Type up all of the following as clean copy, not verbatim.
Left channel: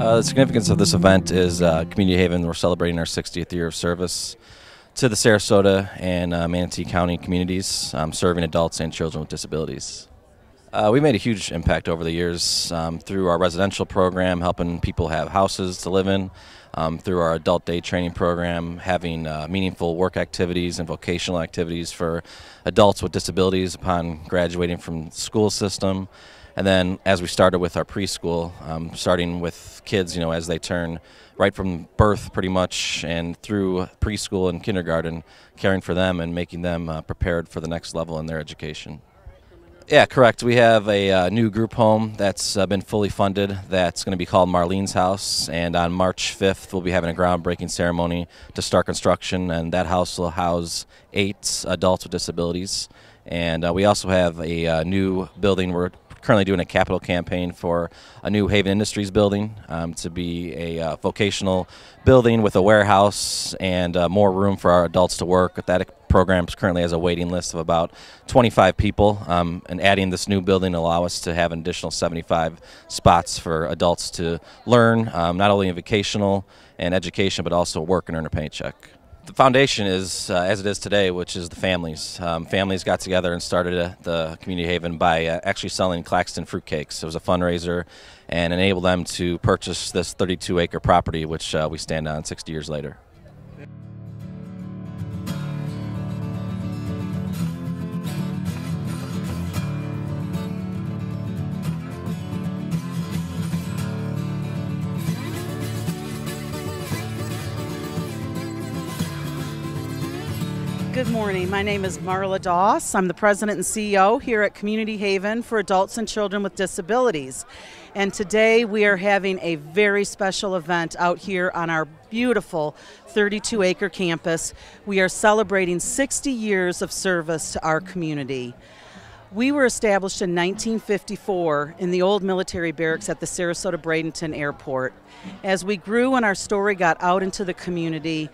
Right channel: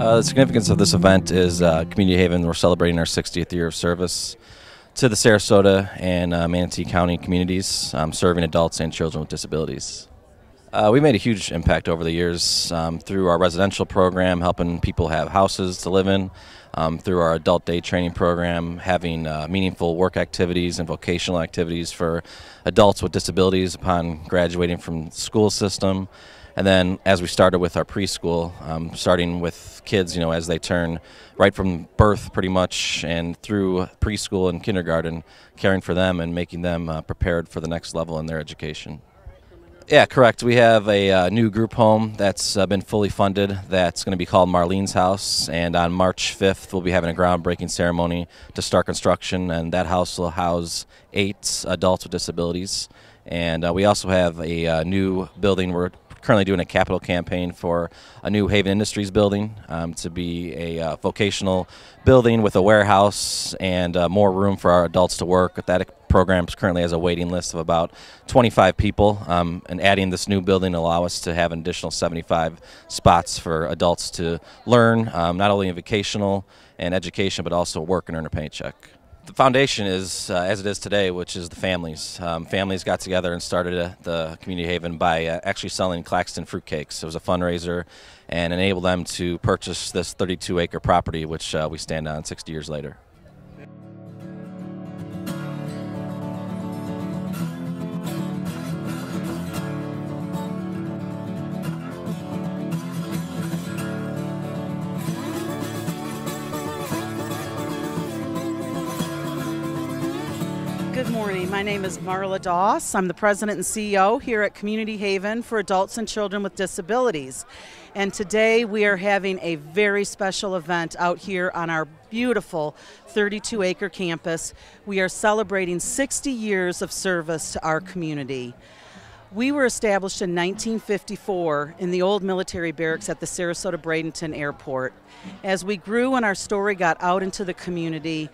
The significance of this event is Community Haven. We're celebrating our 60th year of service to the Sarasota and Manatee County communities, serving adults and children with disabilities. We made a huge impact over the years through our residential program, helping people have houses to live in, through our adult day training program, having meaningful work activities and vocational activities for adults with disabilities upon graduating from the school system. And then as we started with our preschool, starting with kids, as they turn right from birth pretty much and through preschool and kindergarten, caring for them and making them prepared for the next level in their education. Yeah, correct. We have a new group home that's been fully funded that's going to be called Marlene's House, and on March 5th we'll be having a groundbreaking ceremony to start construction, and that house will house 8 adults with disabilities. And we also have a new building. We're currently doing a capital campaign for a new Haven Industries building to be a vocational building with a warehouse and more room for our adults to work. That program currently has a waiting list of about 25 people, and adding this new building will allow us to have an additional 75 spots for adults to learn, not only in vocational and education, but also work and earn a paycheck. The foundation is as it is today, which is the families. Families got together and started the Community Haven by actually selling Claxton fruitcakes. It was a fundraiser and enabled them to purchase this 32-acre property, which we stand on 60 years later. Good morning. My name is Marla Doss. I'm the president and CEO here at Community Haven for adults and children with disabilities. And today we are having a very special event out here on our beautiful 32-acre campus. We are celebrating 60 years of service to our community. We were established in 1954 in the old military barracks at the Sarasota-Bradenton Airport. As we grew and our story got out into the community,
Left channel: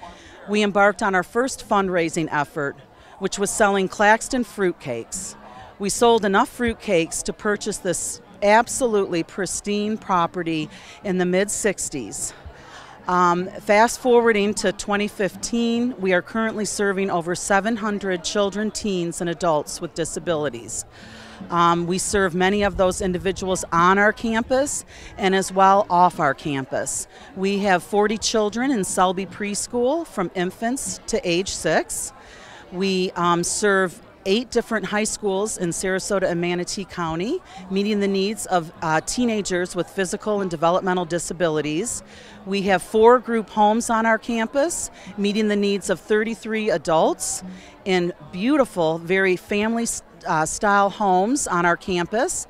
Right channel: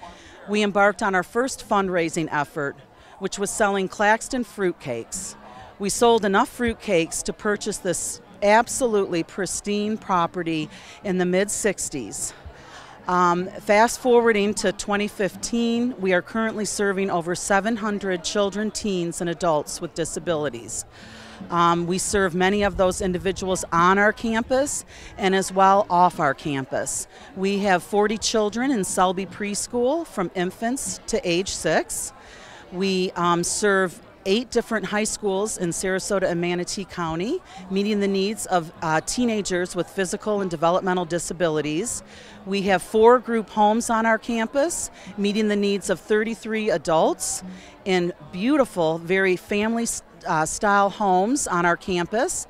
we embarked on our first fundraising effort, which was selling Claxton fruitcakes. We sold enough fruitcakes to purchase this absolutely pristine property in the mid-60s. Fast forwarding to 2015, we are currently serving over 700 children, teens, and adults with disabilities. We serve many of those individuals on our campus and as well off our campus. We have 40 children in Selby Preschool from infants to age 6. We serve 8 different high schools in Sarasota and Manatee County, meeting the needs of teenagers with physical and developmental disabilities. We have 4 group homes on our campus, meeting the needs of 33 adults in beautiful, very family-style homes on our campus.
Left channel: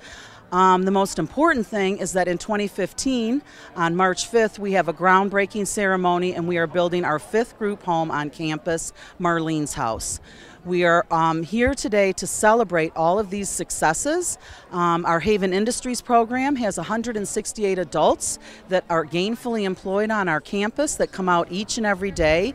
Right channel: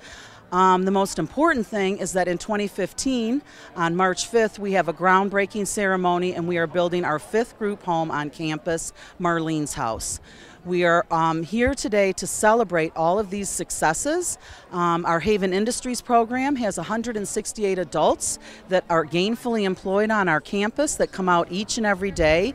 The most important thing is that in 2015, on March 5th, we have a groundbreaking ceremony and we are building our 5th group home on campus, Marlene's House. We are here today to celebrate all of these successes. Our Haven Industries program has 168 adults that are gainfully employed on our campus that come out each and every day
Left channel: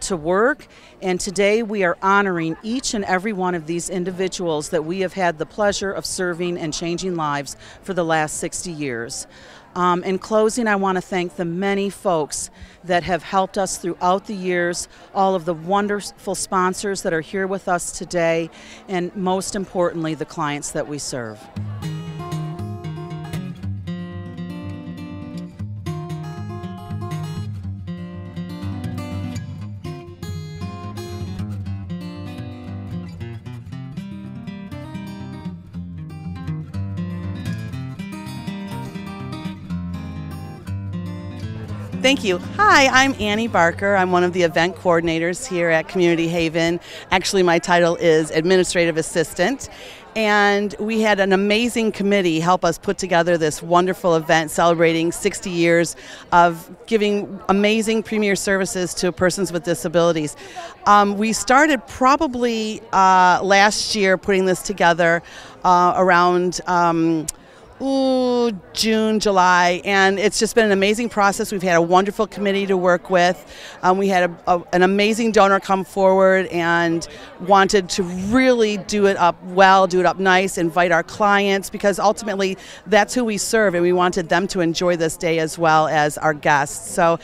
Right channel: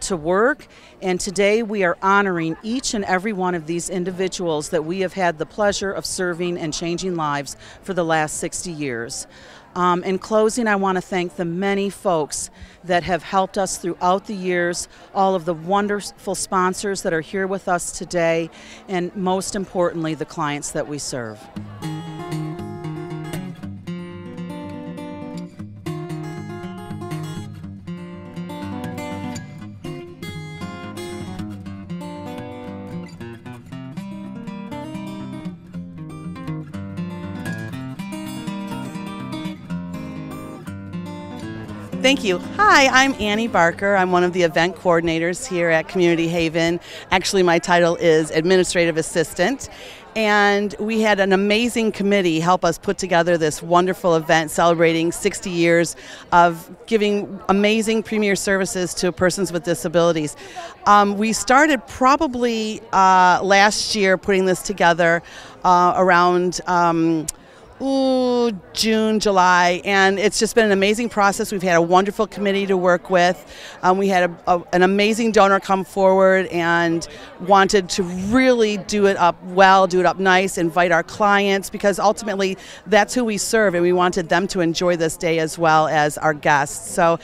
to work. And today we are honoring each and every one of these individuals that we have had the pleasure of serving and changing lives for the last 60 years. In closing, I want to thank the many folks that have helped us throughout the years, all of the wonderful sponsors that are here with us today, and most importantly, the clients that we serve. Thank you. Hi, I'm Annie Barker. I'm one of the event coordinators here at Community Haven. Actually, my title is Administrative Assistant. And we had an amazing committee help us put together this wonderful event celebrating 60 years of giving amazing premier services to persons with disabilities. We started probably last year putting this together around June, July, and it's just been an amazing process. We've had a wonderful committee to work with. We had an amazing donor come forward and wanted to really do it up well, do it up nice, invite our clients, because ultimately that's who we serve, and we wanted them to enjoy this day as well as our guests. So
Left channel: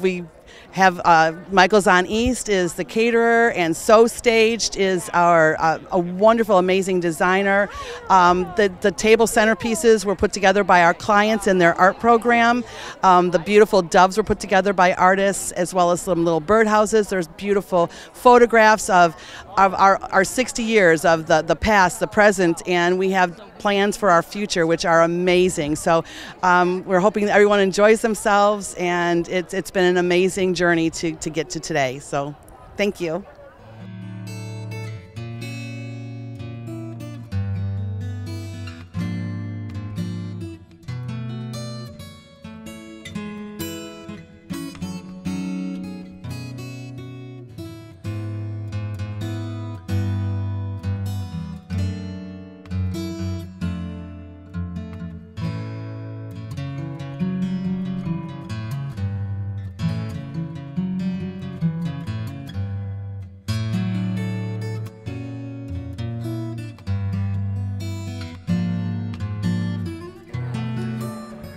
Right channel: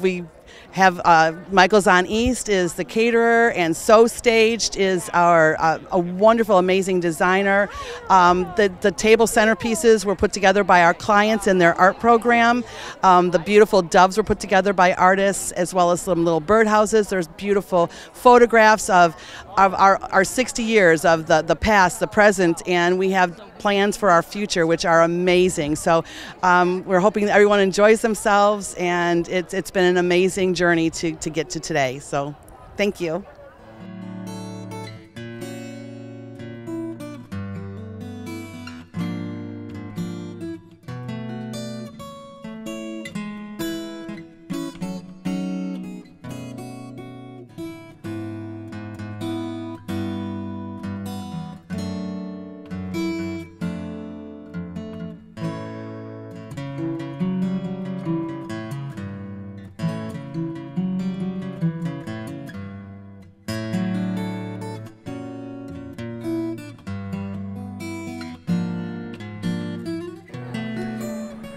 we have Michael's on East is the caterer, and So Staged is our a wonderful, amazing designer. The table centerpieces were put together by our clients in their art program. The beautiful doves were put together by artists, as well as some little birdhouses. There's beautiful photographs of our 60 years of the past, the present, and we have plans for our future, which are amazing. So we're hoping that everyone enjoys themselves, and it's been an amazing journey to get to today. So thank you.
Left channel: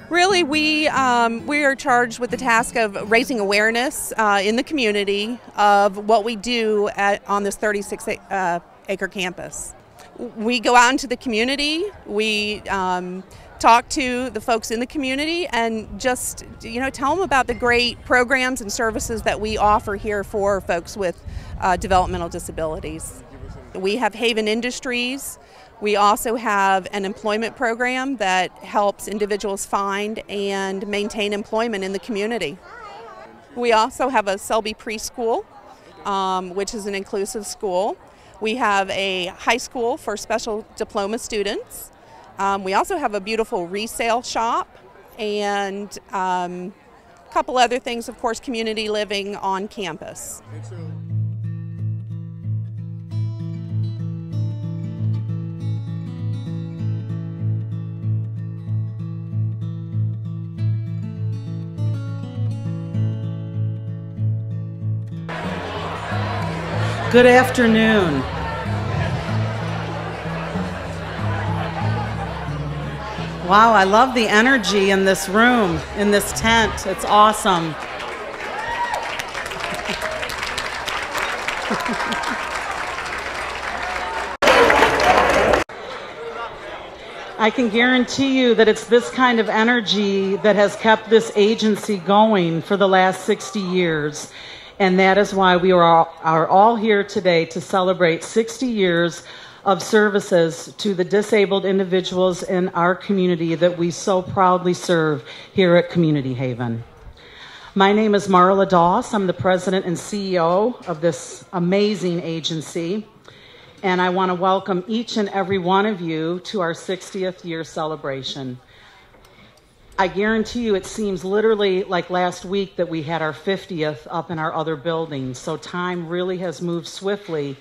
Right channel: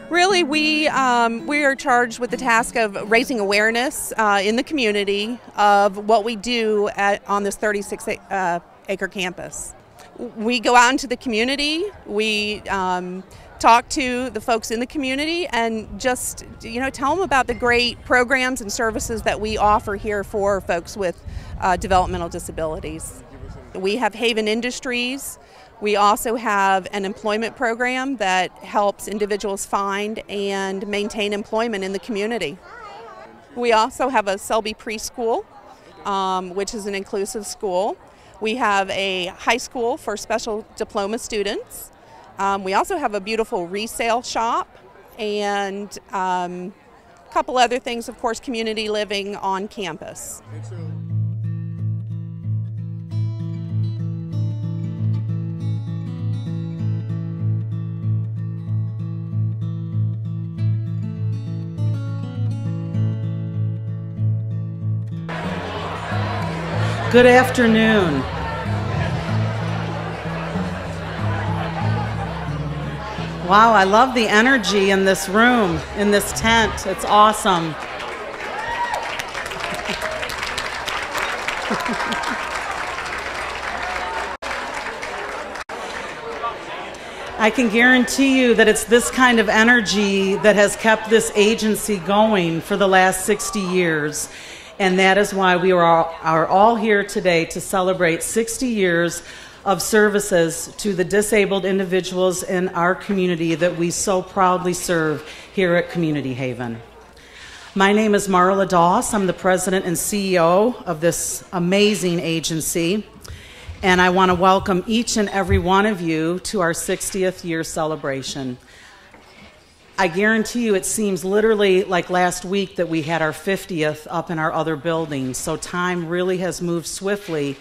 Really, we are charged with the task of raising awareness in the community of what we do on this 36-acre campus. We go out into the community, we talk to the folks in the community, and just tell them about the great programs and services that we offer here for folks with developmental disabilities. We have Haven Industries. We also have an employment program that helps individuals find and maintain employment in the community. We also have a Selby Preschool, which is an inclusive school. We have a high school for special diploma students. We also have a beautiful resale shop, and a couple other things, of course, community living on campus. Good afternoon. Wow, I love the energy in this room, in this tent. It's awesome. I can guarantee you that it's this kind of energy that has kept this agency going for the last 60 years. And that is why we are all here today to celebrate 60 years of services to the disabled individuals in our community that we so proudly serve here at Community Haven. My name is Marla Doss. I'm the president and CEO of this amazing agency. And I want to welcome each and every one of you to our 60th year celebration. I guarantee you it seems literally like last week that we had our 50th up in our other buildings. So time really has moved swiftly.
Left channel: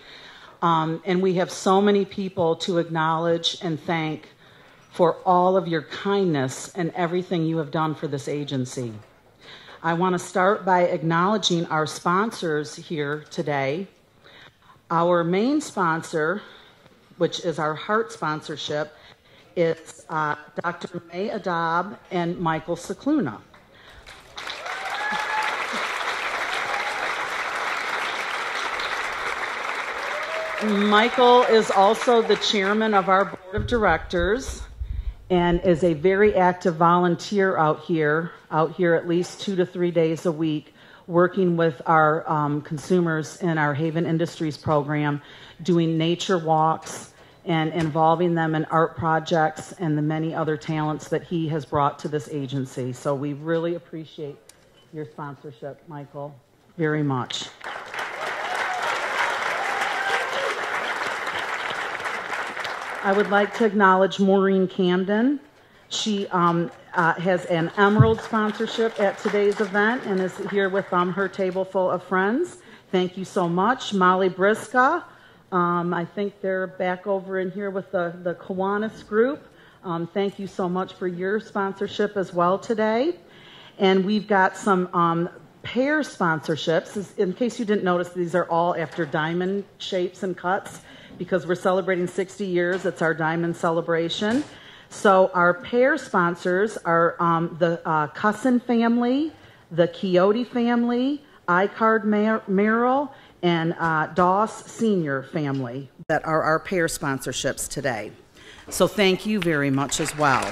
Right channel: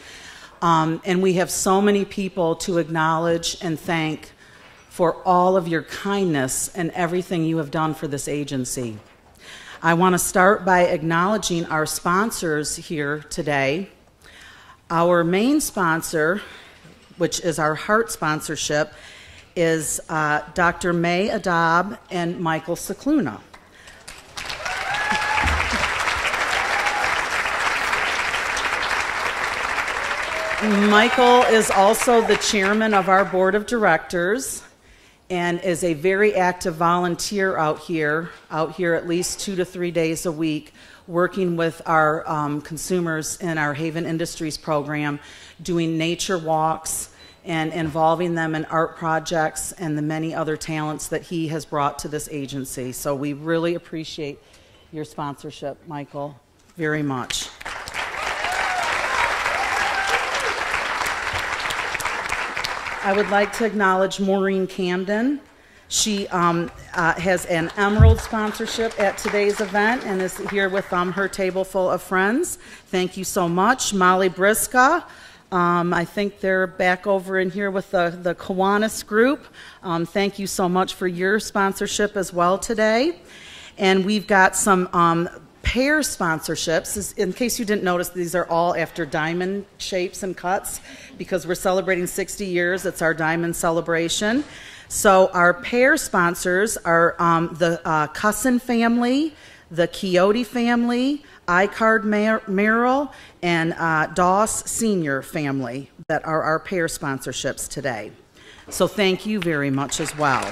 And we have so many people to acknowledge and thank for all of your kindness and everything you have done for this agency. I want to start by acknowledging our sponsors here today. Our main sponsor, which is our heart sponsorship, is Dr. May Adab and Michael Cicluna. Michael is also the chairman of our board of directors and is a very active volunteer out here at least 2 to 3 days a week, working with our consumers in our Haven Industries program, doing nature walks, and involving them in art projects and the many other talents that he has brought to this agency. So we really appreciate your sponsorship, Michael, very much. I would like to acknowledge Maureen Camden. She has an Emerald sponsorship at today's event and is here with her table full of friends. Thank you so much. Molly Briska, I think they're back over in here with the Kiwanis group. Thank you so much for your sponsorship as well today. And we've got some pair sponsorships. In case you didn't notice, these are all after diamond shapes and cuts because we're celebrating 60 years. It's our diamond celebration. So our pair sponsors are the Cusson family, the Quixote family, iCard Merrill, and Doss Senior family that are our pair sponsorships today. So thank you very much as well.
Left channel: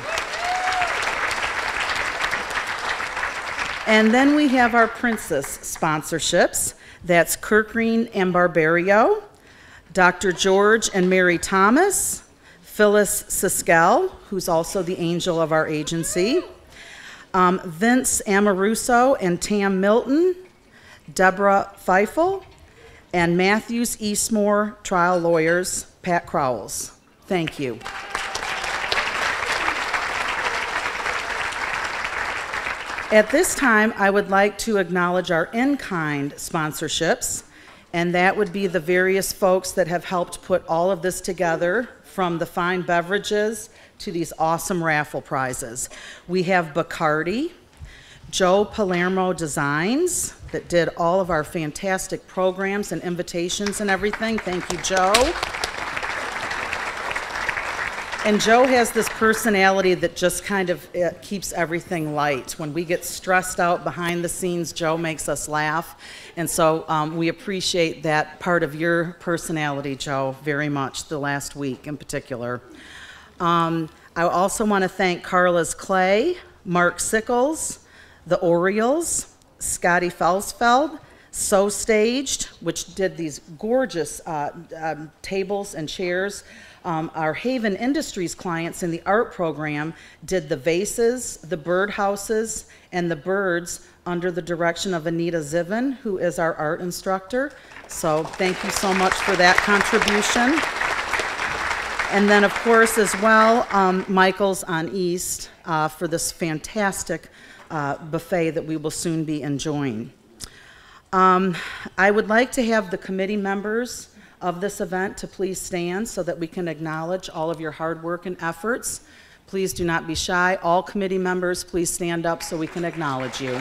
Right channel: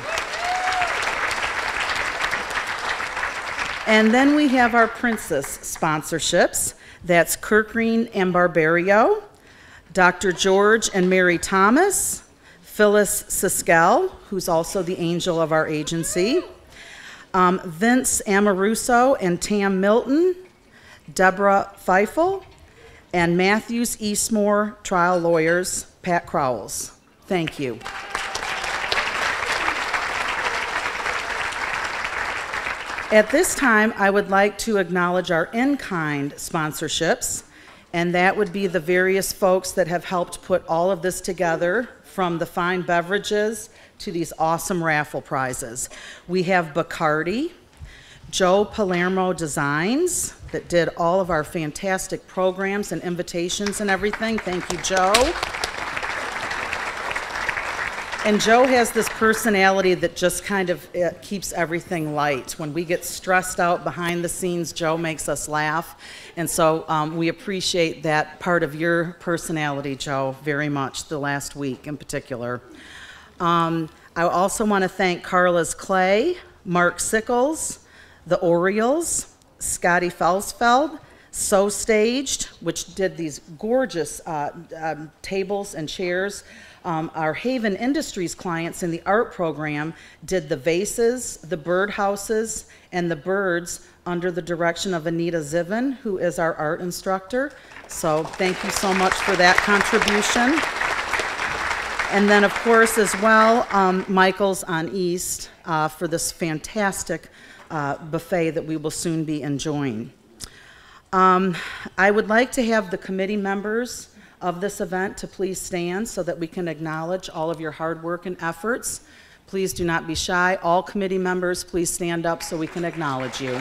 And then we have our princess sponsorships. That's Kirkreen and Barbario, Dr. George and Mary Thomas, Phyllis Siskel, who's also the angel of our agency, Vince Amoruso and Tam Milton, Deborah Feifel, and Matthews Eastmore trial lawyers, Pat Crowells. Thank you. At this time, I would like to acknowledge our in-kind sponsorships, and that would be the various folks that have helped put all of this together, from the fine beverages to these awesome raffle prizes. We have Bacardi, Joe Palermo Designs, that did all of our fantastic programs and invitations and everything. Thank you, Joe. And Joe has this personality that just kind of keeps everything light. When we get stressed out behind the scenes, Joe makes us laugh. And so we appreciate that part of your personality, Joe, very much, the last week in particular. I also want to thank Carla's Clay, Mark Sickles, the Orioles, Scotty Felsfeld, So Staged, which did these gorgeous tables and chairs. Our Haven Industries clients in the art program did the vases, the birdhouses, and the birds under the direction of Anita Zivin, who is our art instructor. So thank you so much for that contribution. And then, of course, as well, Michael's on East for this fantastic buffet that we will soon be enjoying. I would like to have the committee members of this event to please stand so that we can acknowledge all of your hard work and efforts. Please do not be shy. All committee members, please stand up so we can acknowledge you.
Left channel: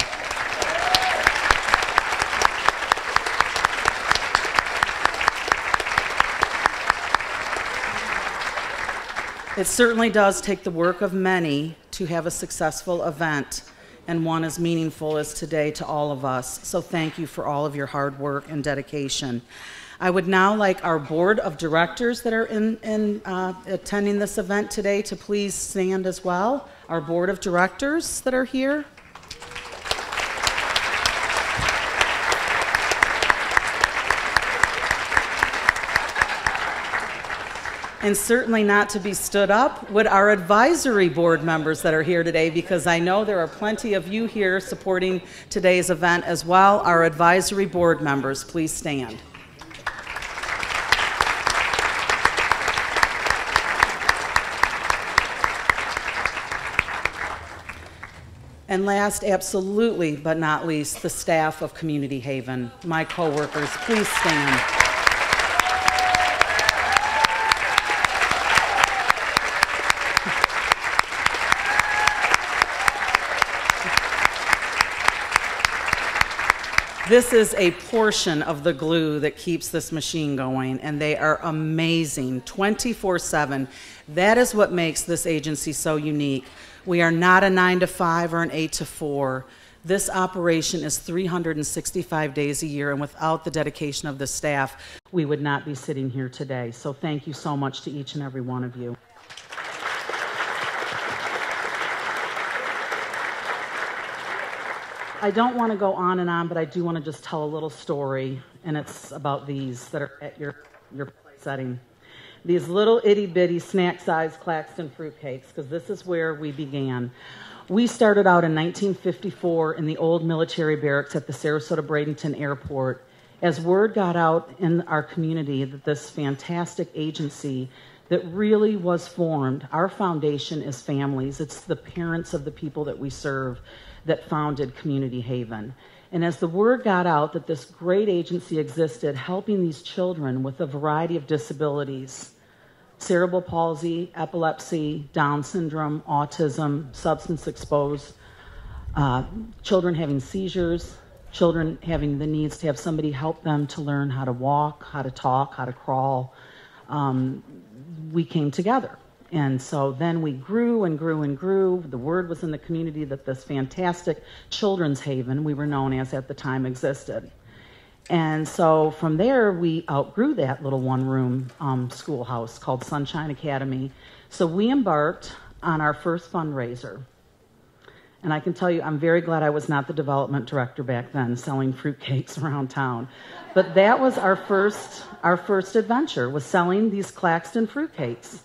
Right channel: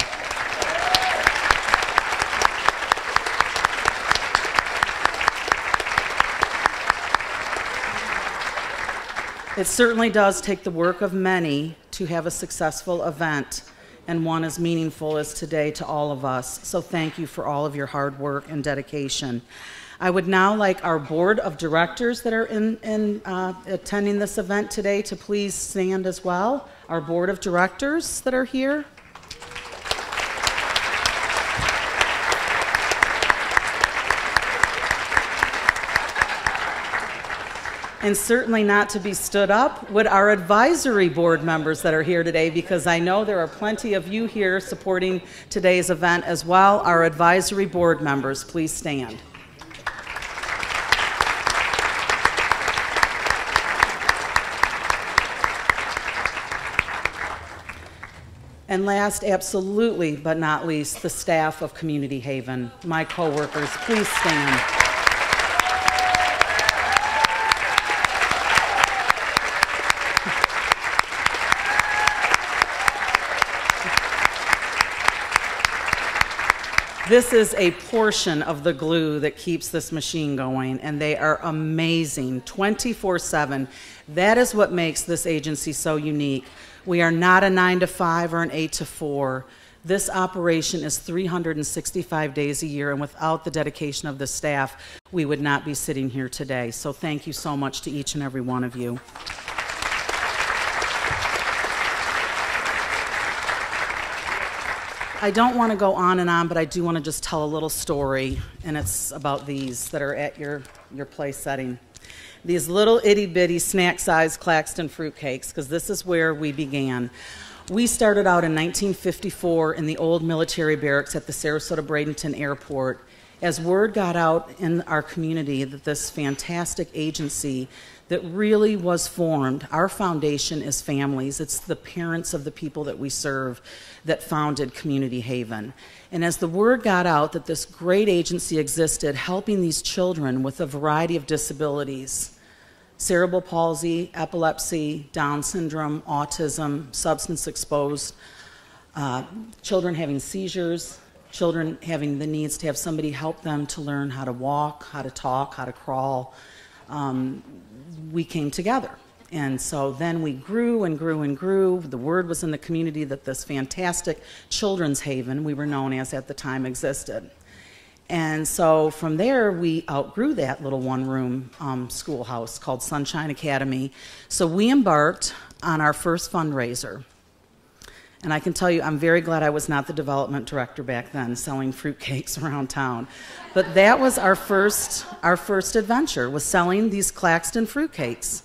It certainly does take the work of many to have a successful event, and one as meaningful as today to all of us. So thank you for all of your hard work and dedication. I would now like our board of directors that are attending this event today to please stand as well. Our board of directors that are here. And certainly not to be stood up would our advisory board members that are here today, because I know there are plenty of you here supporting today's event as well. Our advisory board members, please stand. And last, absolutely, but not least, the staff of Community Haven, my coworkers, please stand. This is a portion of the glue that keeps this machine going, and they are amazing, 24/7. That is what makes this agency so unique. We are not a 9 to 5 or an 8 to 4. This operation is 365 days a year, and without the dedication of the staff, we would not be sitting here today. So thank you so much to each and every one of you. I don't want to go on and on, but I do want to just tell a little story, and it's about these that are at your place setting. These little itty-bitty snack-sized Claxton fruitcakes, because this is where we began. We started out in 1954 in the old military barracks at the Sarasota-Bradenton Airport. As word got out in our community that this fantastic agency that really was formed. Our foundation is families. It's the parents of the people that we serve that founded Community Haven. And as the word got out that this great agency existed helping these children with a variety of disabilities, cerebral palsy, epilepsy, Down syndrome, autism, substance exposed, children having seizures, children having the needs to have somebody help them to learn how to walk, how to talk, how to crawl, we came together. And so then we grew and grew and grew. The word was in the community that this fantastic children's haven, we were known as at the time, existed. And so from there, we outgrew that little one-room schoolhouse called Sunshine Academy. So we embarked on our first fundraiser. And I can tell you, I'm very glad I was not the development director back then, selling fruitcakes around town. But that was our first adventure, was selling these Claxton fruitcakes.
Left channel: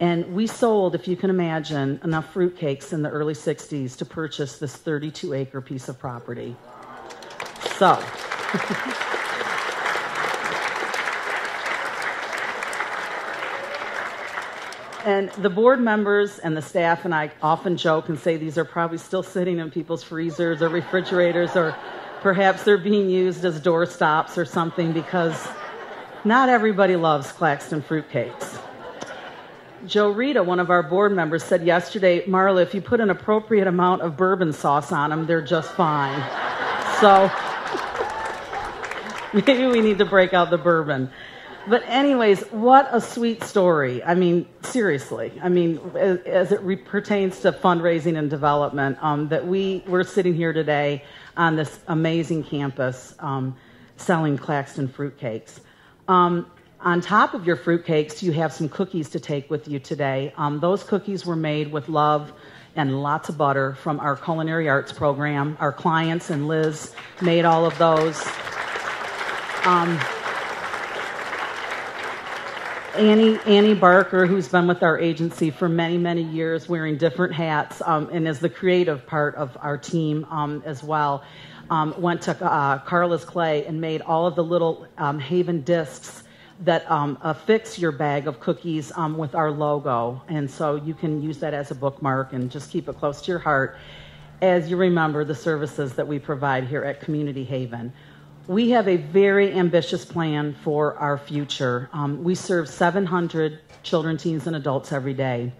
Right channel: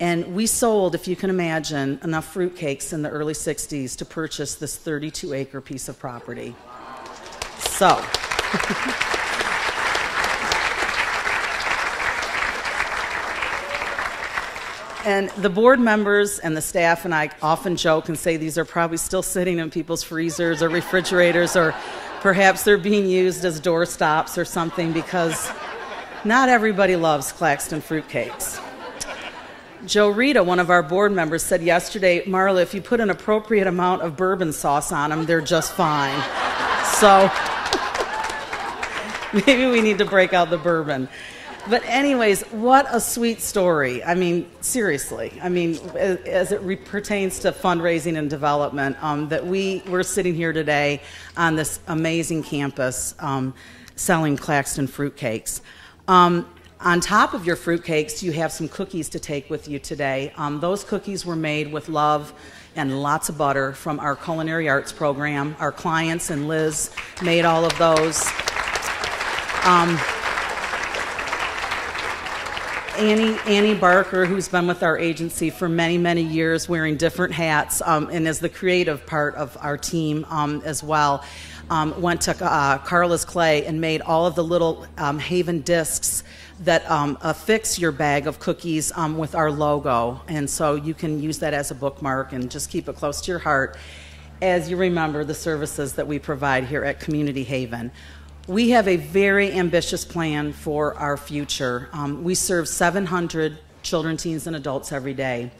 And we sold, if you can imagine, enough fruitcakes in the early 60s to purchase this 32-acre piece of property. So. And the board members and the staff and I often joke and say these are probably still sitting in people's freezers or refrigerators, or perhaps they're being used as door stops or something, because not everybody loves Claxton fruitcakes. Joe Rita, one of our board members, said yesterday, Marla, if you put an appropriate amount of bourbon sauce on them, they're just fine. So maybe we need to break out the bourbon. But anyways, what a sweet story. I mean, seriously. I mean, as it pertains to fundraising and development, that we're sitting here today on this amazing campus selling Claxton fruitcakes. On top of your fruitcakes, you have some cookies to take with you today. Those cookies were made with love and lots of butter from our culinary arts program. Our clients and Liz made all of those. Annie Barker, who's been with our agency for many, many years, wearing different hats, and is the creative part of our team as well, went to Carla's Clay and made all of the little Haven discs that affix your bag of cookies with our logo. And so you can use that as a bookmark and just keep it close to your heart as you remember the services that we provide here at Community Haven. We have a very ambitious plan for our future. We serve 700 children, teens, and adults every day.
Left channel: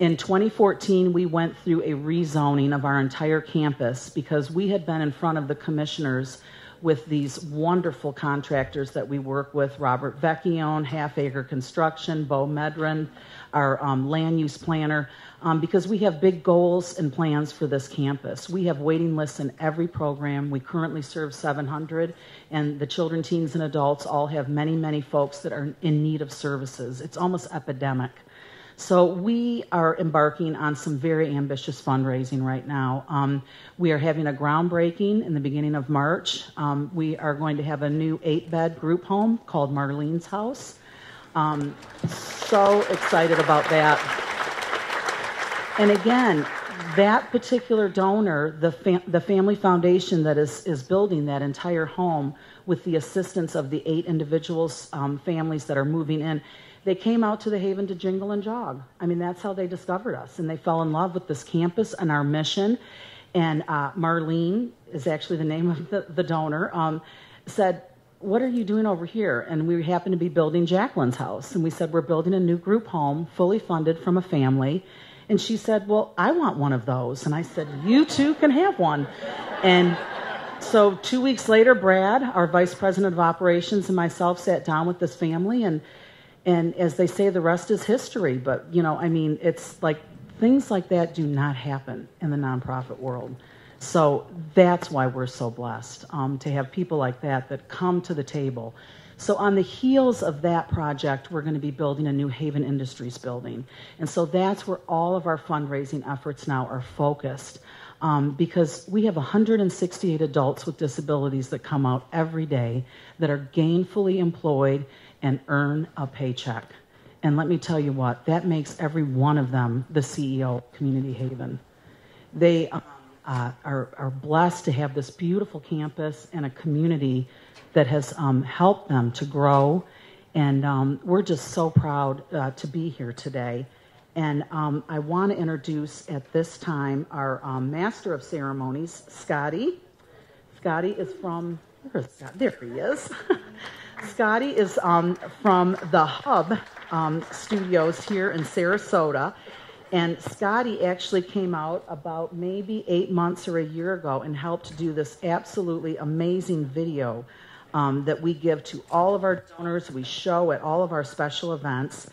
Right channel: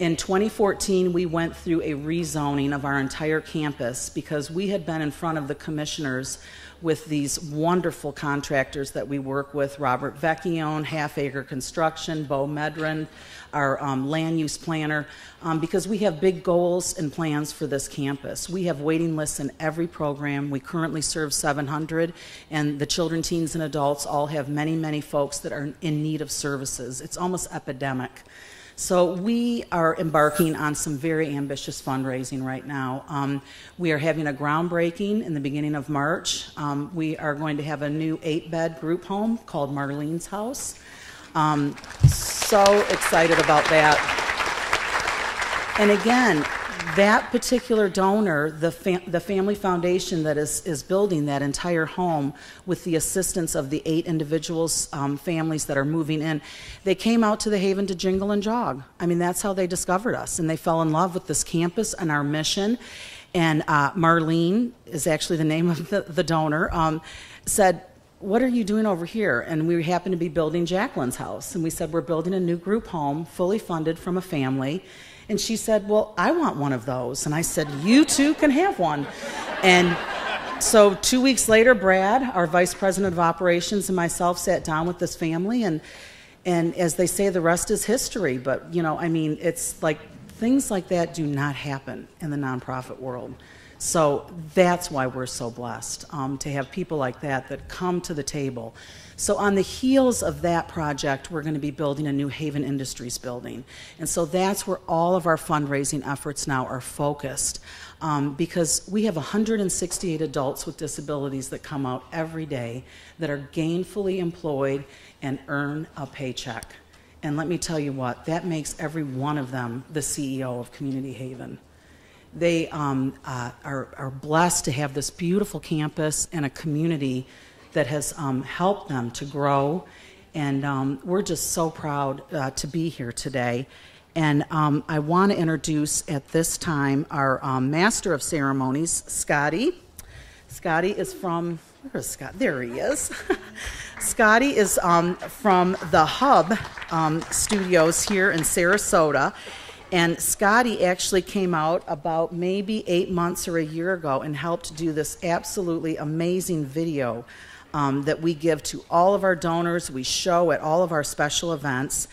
In 2014, we went through a rezoning of our entire campus because we had been in front of the commissioners with these wonderful contractors that we work with, Robert Vecchione, Half Acre Construction, Bo Medrin, our land use planner, because we have big goals and plans for this campus. We have waiting lists in every program. We currently serve 700, and the children, teens, and adults all have many, many folks that are in need of services. It's almost epidemic. So we are embarking on some very ambitious fundraising right now. We are having a groundbreaking in the beginning of March. We are going to have a new 8-bed group home called Marlene's House. So excited about that. And again, that particular donor, the family foundation that is building that entire home with the assistance of the 8 individuals, families that are moving in, they came out to the Haven to jingle and jog. I mean, that's how they discovered us, and they fell in love with this campus and our mission. And Marlene is actually the name of the donor, said, what are you doing over here? And we happened to be building Jacqueline's house. And we said, we're building a new group home, fully funded from a family. And she said, well, I want one of those. And I said, you too can have one. And so 2 weeks later, Brad, our vice president of operations, and myself sat down with this family. And as they say, the rest is history. But, you know, I mean, it's like things like that do not happen in the nonprofit world. So that's why we're so blessed to have people like that come to the table. So on the heels of that project, we're going to be building a new Haven Industries building. And so that's where all of our fundraising efforts now are focused, because we have 168 adults with disabilities that come out every day that are gainfully employed and earn a paycheck. And let me tell you what, that makes every one of them the CEO of Community Haven. They are blessed to have this beautiful campus and a community that has helped them to grow And we're just so proud to be here today. And I want to introduce at this time our Master of Ceremonies, Scotty. Scotty is from, where's Scott? There he is. Scotty is from the Hub Studios here in Sarasota. And Scotty actually came out about maybe 8 months or a year ago and helped do this absolutely amazing video that we give to all of our donors, we show at all of our special events.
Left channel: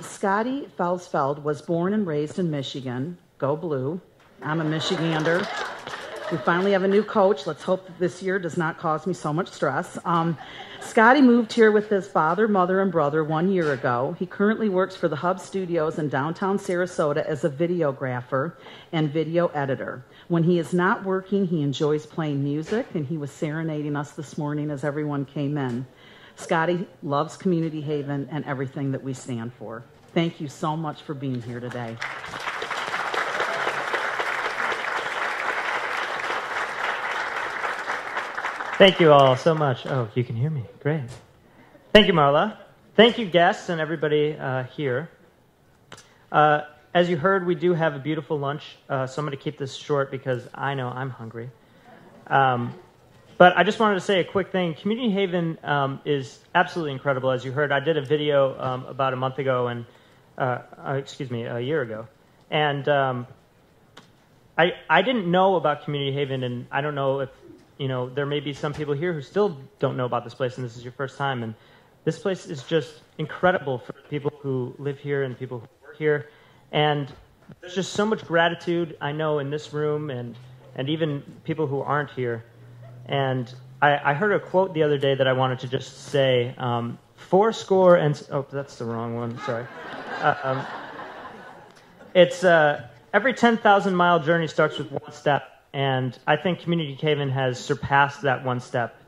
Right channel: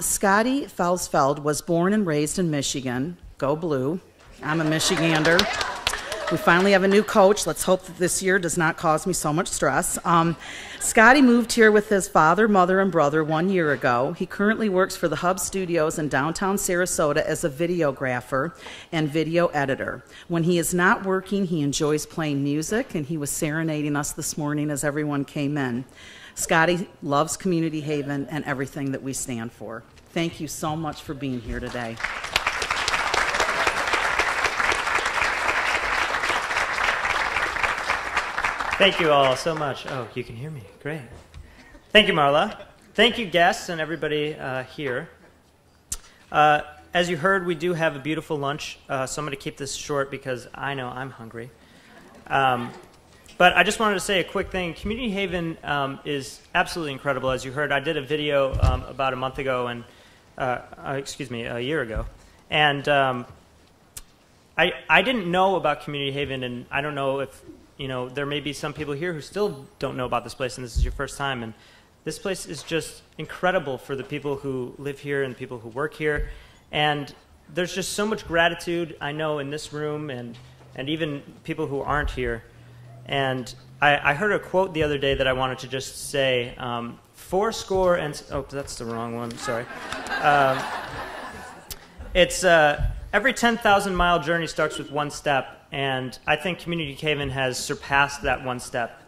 Scotty Felsfeld was born and raised in Michigan. Go Blue. I'm a Michigander. We finally have a new coach. Let's hope that this year does not cause me so much stress. Scotty moved here with his father, mother, and brother 1 year ago. He currently works for the Hub Studios in downtown Sarasota as a videographer and video editor. When he is not working, he enjoys playing music, and he was serenading us this morning as everyone came in. Scotty loves Community Haven and everything that we stand for. Thank you so much for being here today. Thank you all so much. Oh, you can hear me. Great. Thank you, Marla. Thank you, guests and everybody here. As you heard, we do have a beautiful lunch, so I'm going to keep this short because I know I'm hungry. But I just wanted to say a quick thing. Community Haven is absolutely incredible. As you heard, I did a video about a month ago, and a year ago. And I didn't know about Community Haven, and I don't know if, there may be some people here who still don't know about this place, and this is your first time. And this place is just incredible for the people who live here and the people who work here. And there's just so much gratitude, I know, in this room and even people who aren't here. And I heard a quote the other day that I wanted to just say, fourscore and... Oh, that's the wrong one. Sorry. It's every 10,000-mile journey starts with one step. And I think Community Haven has surpassed that one step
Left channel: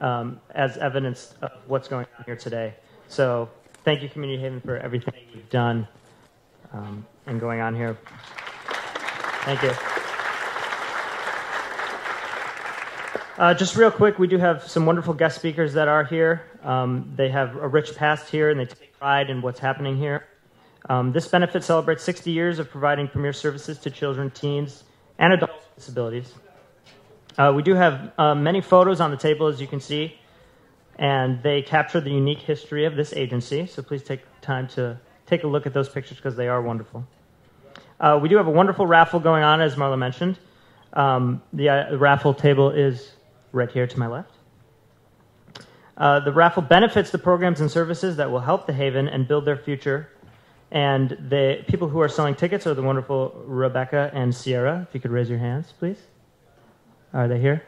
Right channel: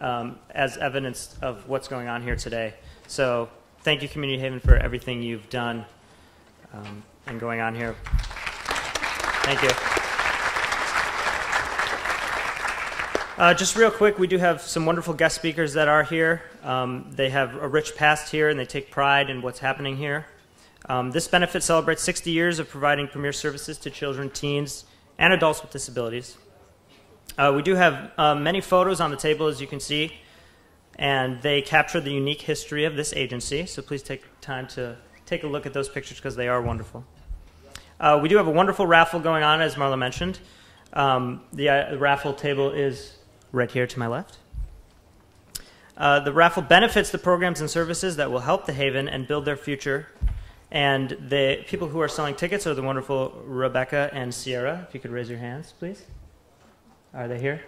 as evidence of what's going on here today. So thank you, Community Haven, for everything you've done and going on here. Thank you. Just real quick, we do have some wonderful guest speakers that are here. They have a rich past here, and they take pride in what's happening here. This benefit celebrates 60 years of providing premier services to children, teens, and adults with disabilities. We do have many photos on the table, as you can see, and they capture the unique history of this agency, so please take time to take a look at those pictures because they are wonderful. We do have a wonderful raffle going on, as Marla mentioned. The raffle table is right here to my left. The raffle benefits the programs and services that will help the Haven and build their future. And the people who are selling tickets are the wonderful Rebecca and Sierra. If you could raise your hands, please. Are they here?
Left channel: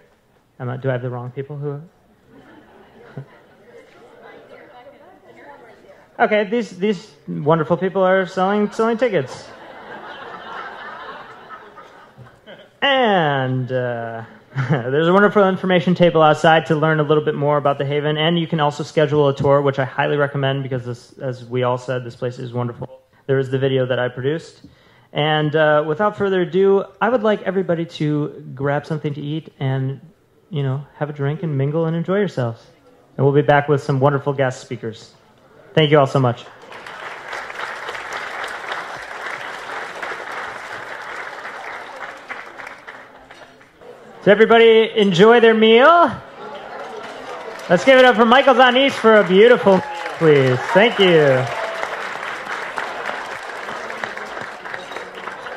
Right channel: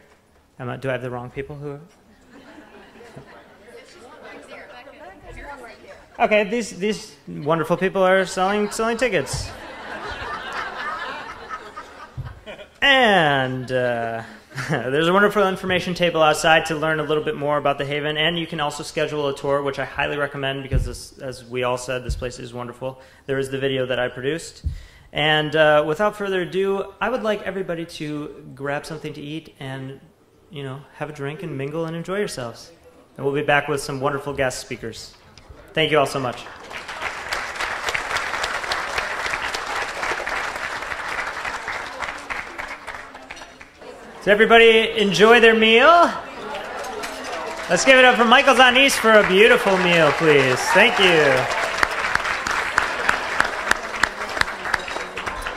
Do I have the wrong people who... Okay, these wonderful people are selling tickets. And there's a wonderful information table outside to learn a little bit more about the Haven, and you can also schedule a tour, which I highly recommend because, as we all said, this place is wonderful. There is the video that I produced. And without further ado, I would like everybody to grab something to eat and, have a drink and mingle and enjoy yourselves. And we'll be back with some wonderful guest speakers. Thank you all so much. Does everybody enjoy their meal? Let's give it up for Michael Zanis for a beautiful meal, please. Thank you.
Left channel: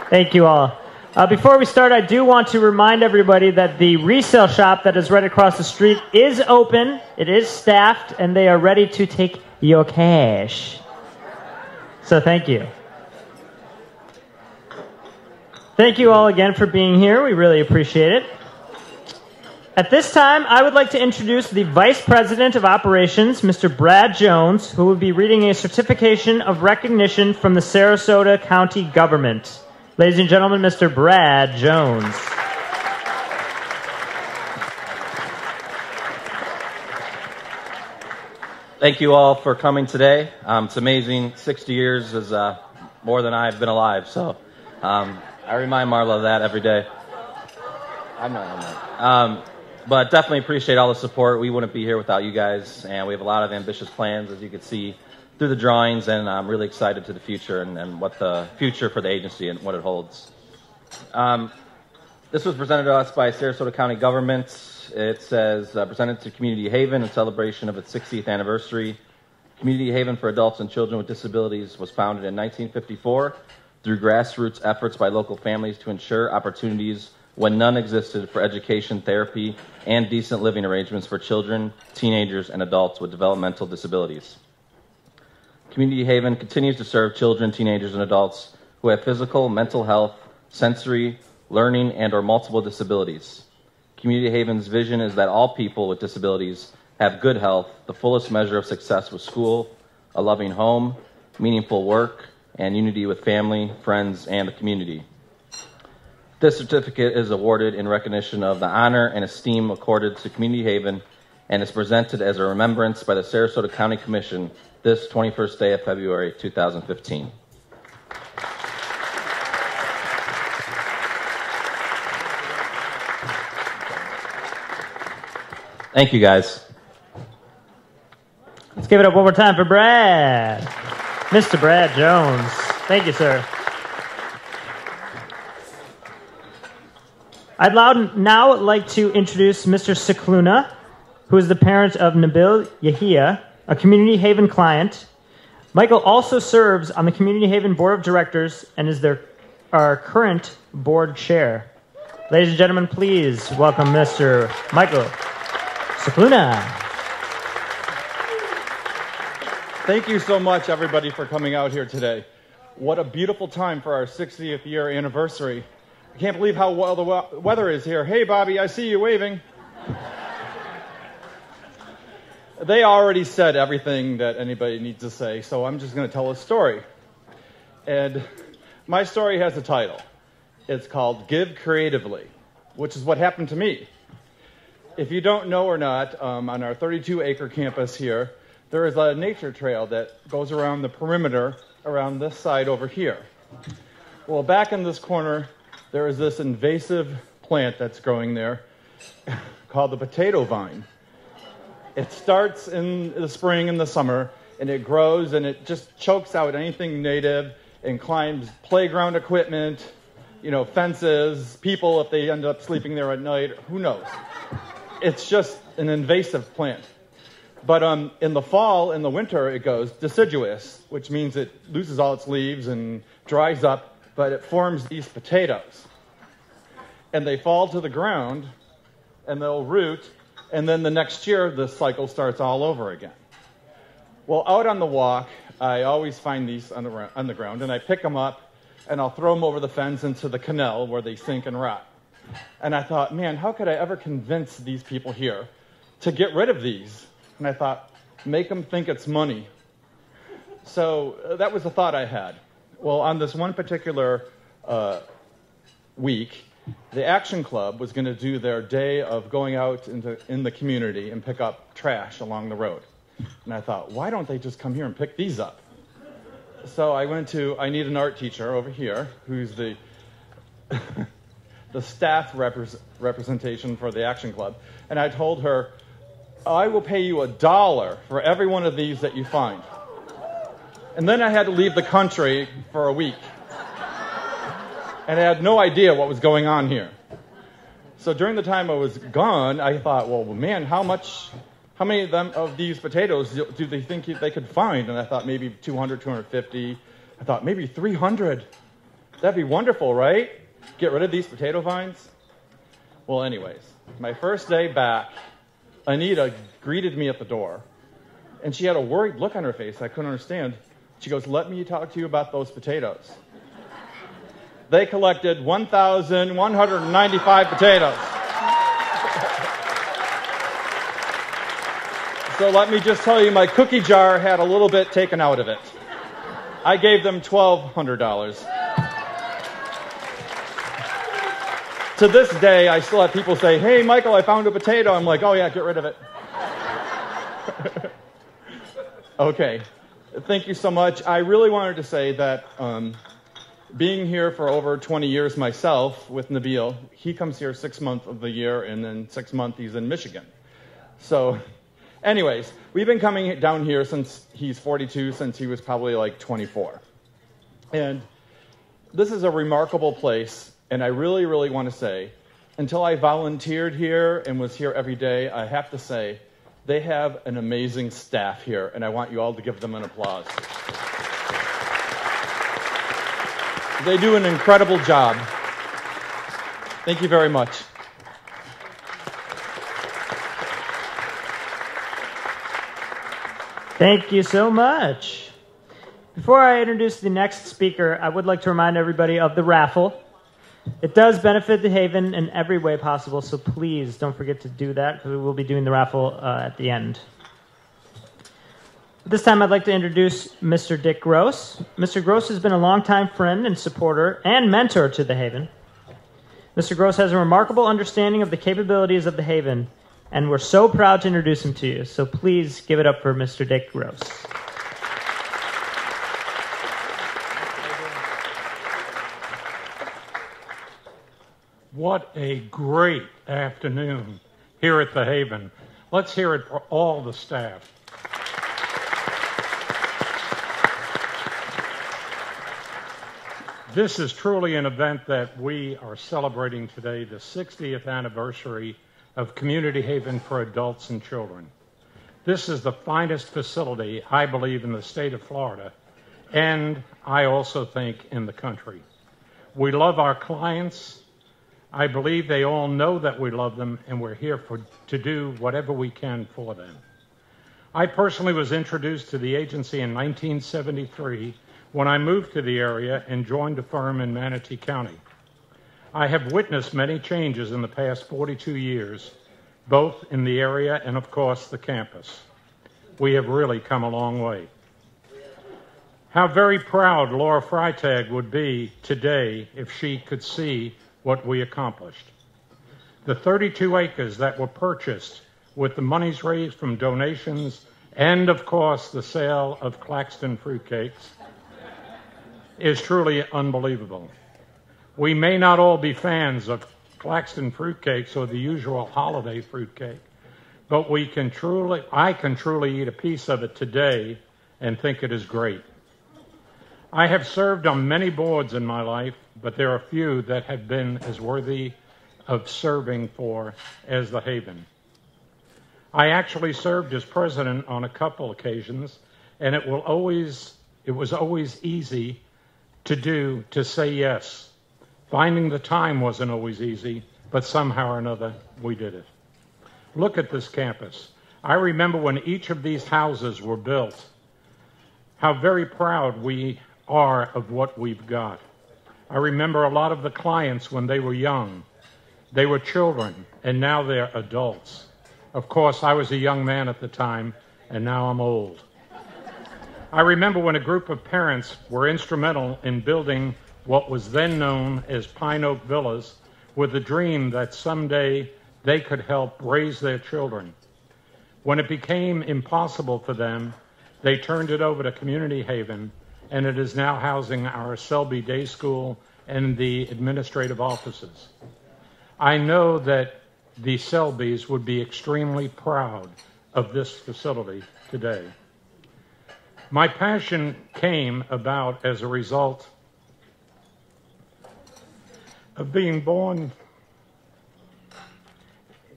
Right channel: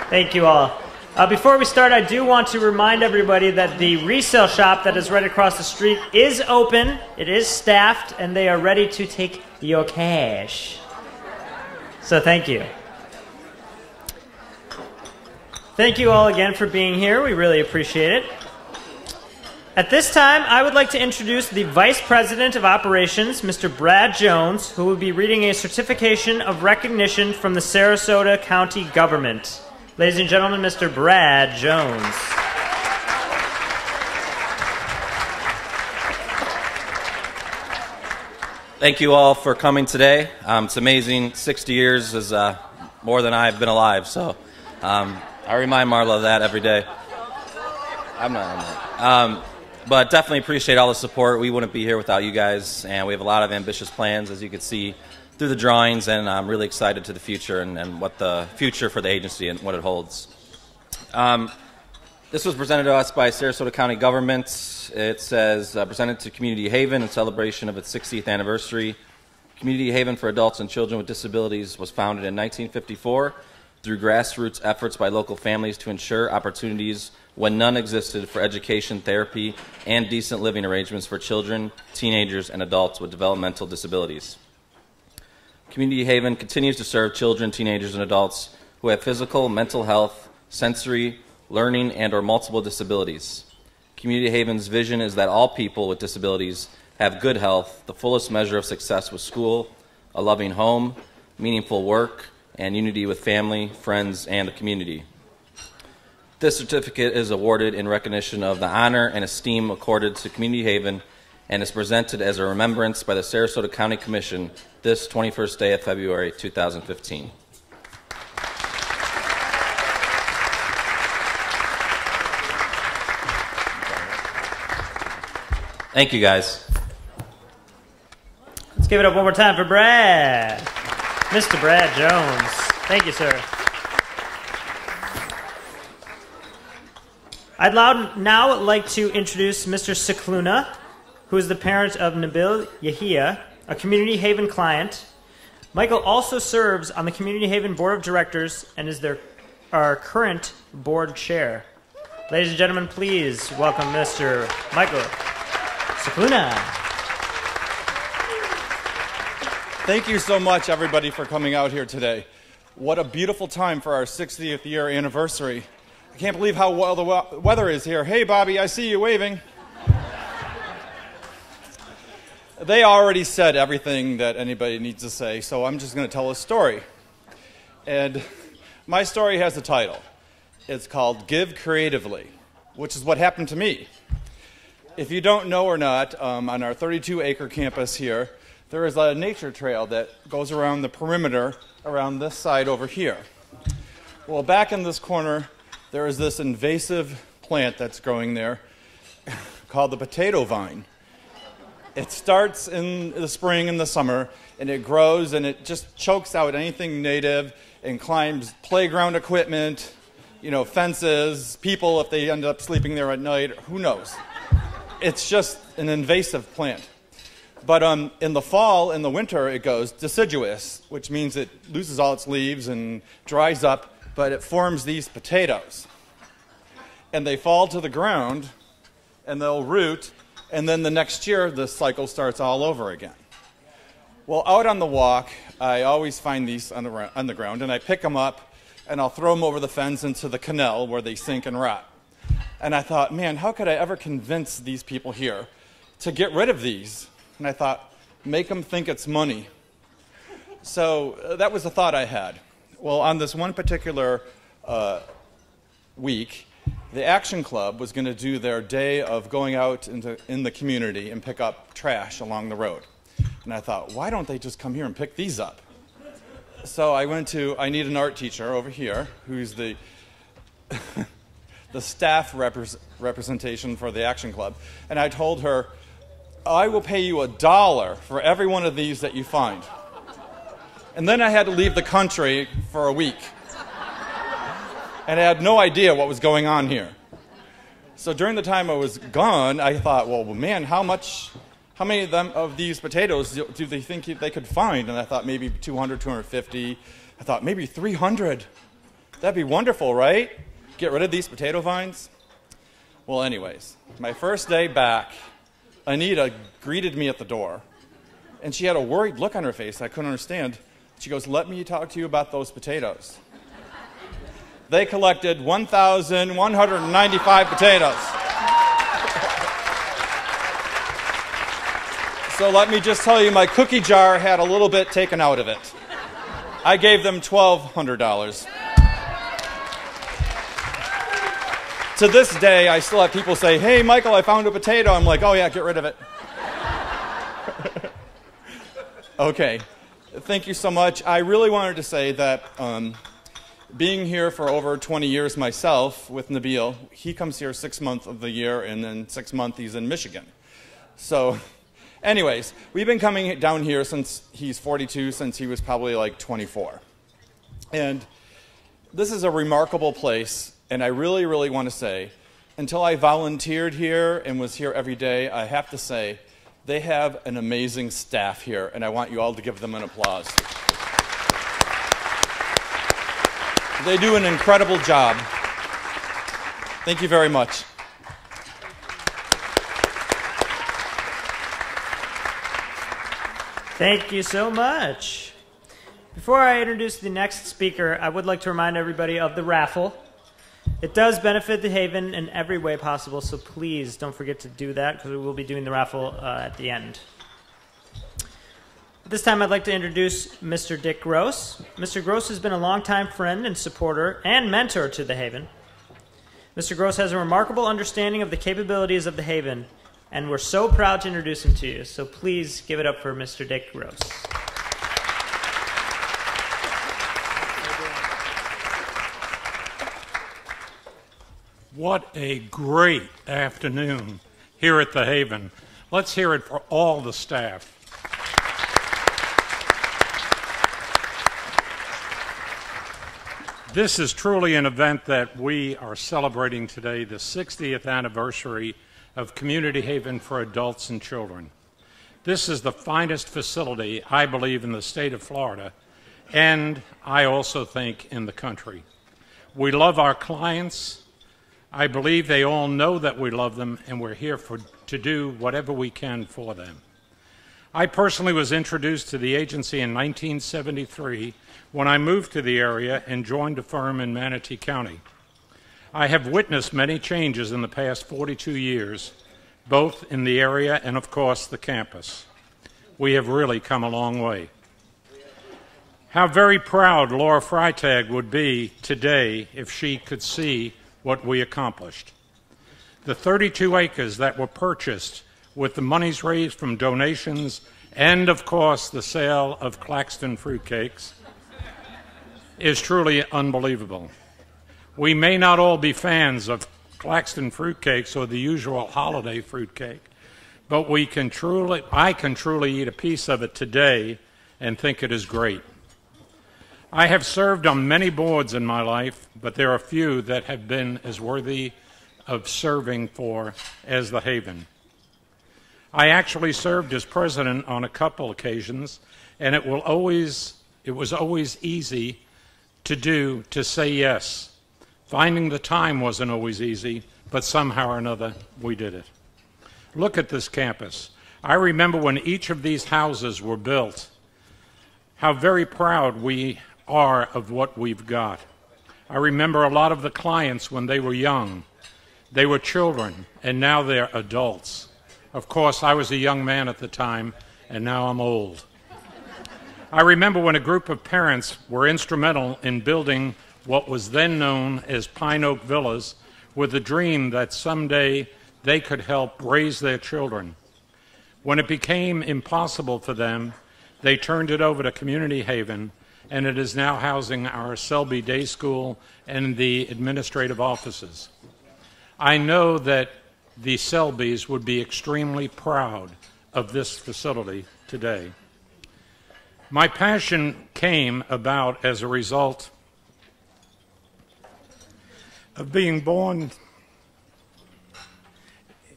Thank you all. Before we start, I do want to remind everybody that the resale shop that is right across the street is open. It is staffed, and they are ready to take your cash. So thank you. Thank you all again for being here. We really appreciate it. At this time, I would like to introduce the Vice President of Operations, Mr. Brad Jones, who will be reading a certification of recognition from the Sarasota County Government. Ladies and gentlemen, Mr. Brad Jones. Thank you all for coming today. It's amazing. 60 years is more than I've been alive, so I remind Marla of that every day. I'm not. But definitely appreciate all the support. We wouldn't be here without you guys, and we have a lot of ambitious plans, as you can see through the drawings, and I'm really excited to the future and what the future for the agency and what it holds. This was presented to us by Sarasota County government. It says, presented to Community Haven in celebration of its 60th anniversary. Community Haven for Adults and Children with Disabilities was founded in 1954 through grassroots efforts by local families to ensure opportunities when none existed for education, therapy, and decent living arrangements for children, teenagers, and adults with developmental disabilities. Community Haven continues to serve children, teenagers, and adults who have physical, mental health, sensory, learning, and/or multiple disabilities. Community Haven's vision is that all people with disabilities have good health, the fullest measure of success with school, a loving home, meaningful work, and unity with family, friends, and the community. This certificate is awarded in recognition of the honor and esteem accorded to Community Haven and is presented as a remembrance by the Sarasota County Commission this 21st day of February 2015. Thank you, guys. Let's give it up one more time for Brad. Mr. Brad Jones. Thank you, sir. I'd now like to introduce Mr. Cicluna, who is the parent of Nabil Yahia, a Community Haven client. Michael also serves on the Community Haven Board of Directors and is our current board chair. Ladies and gentlemen, please welcome Mr. Michael Cicluna. Thank you so much, everybody, for coming out here today. What a beautiful time for our 60th year anniversary. I can't believe how well the weather is here. Hey, Bobby, I see you waving. They already said everything that anybody needs to say, so I'm just going to tell a story. And my story has a title. It's called Give Creatively, which is what happened to me. If you don't know or not, on our 32-acre campus here, there is a nature trail that goes around the perimeter around this side over here. Well, back in this corner, there is this invasive plant that's growing there called the potato vine. It starts in the spring and the summer, and it grows, and it just chokes out anything native and climbs playground equipment, fences, people if they end up sleeping there at night, who knows. It's just an invasive plant. But in the fall and the winter, it goes deciduous, which means it loses all its leaves and dries up, but it forms these potatoes. And they fall to the ground, and they'll root, and then the next year, the cycle starts all over again. Well, out on the walk, I always find these on the ground, and I pick them up, and I'll throw them over the fence into the canal where they sink and rot. And I thought, man, how could I ever convince these people here to get rid of these? And I thought, make them think it's money. So that was the thought I had. Well, on this one particular week, the Action Club was going to do their day of going out in the community and pick up trash along the road. And I thought, why don't they just come here and pick these up? So I need an art teacher over here who's the the staff representation for the Action Club. And I told her, I will pay you $1 for every one of these that you find. And then I had to leave the country for a week. And I had no idea what was going on here. So during the time I was gone, I thought, well, man, how many of these potatoes do they think they could find? And I thought maybe 200, 250. I thought maybe 300. That'd be wonderful, right? Get rid of these potato vines? Well, anyways, my first day back, Anita greeted me at the door. And she had a worried look on her face I couldn't understand. She goes, let me talk to you about those potatoes. They collected 1,195 potatoes. So let me just tell you, my cookie jar had a little bit taken out of it. I gave them $1,200. To this day, I still have people say, hey, Michael, I found a potato. I'm like, oh, yeah, get rid of it. Okay. Thank you so much. I really wanted to say that being here for over 20 years myself with Nabil, he comes here 6 months of the year, and then 6 months he's in Michigan. So anyways, we've been coming down here since he's 42, since he was probably like 24. And this is a remarkable place, and I really, really want to say, until I volunteered here and was here every day, I have to say, they have an amazing staff here, and I want you all to give them an applause. They do an incredible job. Thank you very much. Thank you so much. Before I introduce the next speaker, I would like to remind everybody of the raffle. It does benefit the Haven in every way possible, so please don't forget to do that, because we will be doing the raffle at the end. This time I'd like to introduce Mr. Dick Gross. Mr. Gross has been a longtime friend and supporter and mentor to the Haven. Mr. Gross has a remarkable understanding of the capabilities of the Haven, and we're so proud to introduce him to you. So please give it up for Mr. Dick Gross. What a great afternoon here at the Haven. Let's hear it for all the staff. This is truly an event that we are celebrating today, the 60th anniversary of Community Haven for Adults and Children. This is the finest facility, I believe, in the state of Florida, and I also think in the country. We love our clients. I believe they all know that we love them, and we're here to do whatever we can for them. I personally was introduced to the agency in 1973 when I moved to the area and joined a firm in Manatee County. I have witnessed many changes in the past 42 years, both in the area and, of course, the campus. We have really come a long way. How very proud Laura Freitag would be today if she could see what we accomplished. The 32 acres that were purchased with the monies raised from donations and, of course, the sale of Claxton fruitcakes is truly unbelievable. We may not all be fans of Claxton fruitcakes or the usual holiday fruitcake, but I can truly eat a piece of it today and think it is great. I have served on many boards in my life, but there are few that have been as worthy of serving for as the Haven. I actually served as president on a couple occasions, and it was always easy to say yes. Finding the time wasn't always easy, but somehow or another we did it. Look at this campus. I remember when each of these houses were built, how very proud we are of what we've got. I remember a lot of the clients when they were young. They were children, and now they're adults. Of course, I was a young man at the time, and now I'm old. I remember when a group of parents were instrumental in building what was then known as Pine Oak Villas with the dream that someday they could help raise their children. When it became impossible for them, they turned it over to Community Haven, and it is now housing our Selby Day School and the administrative offices. I know that the Selbys would be extremely proud of this facility today. My passion came about as a result of being born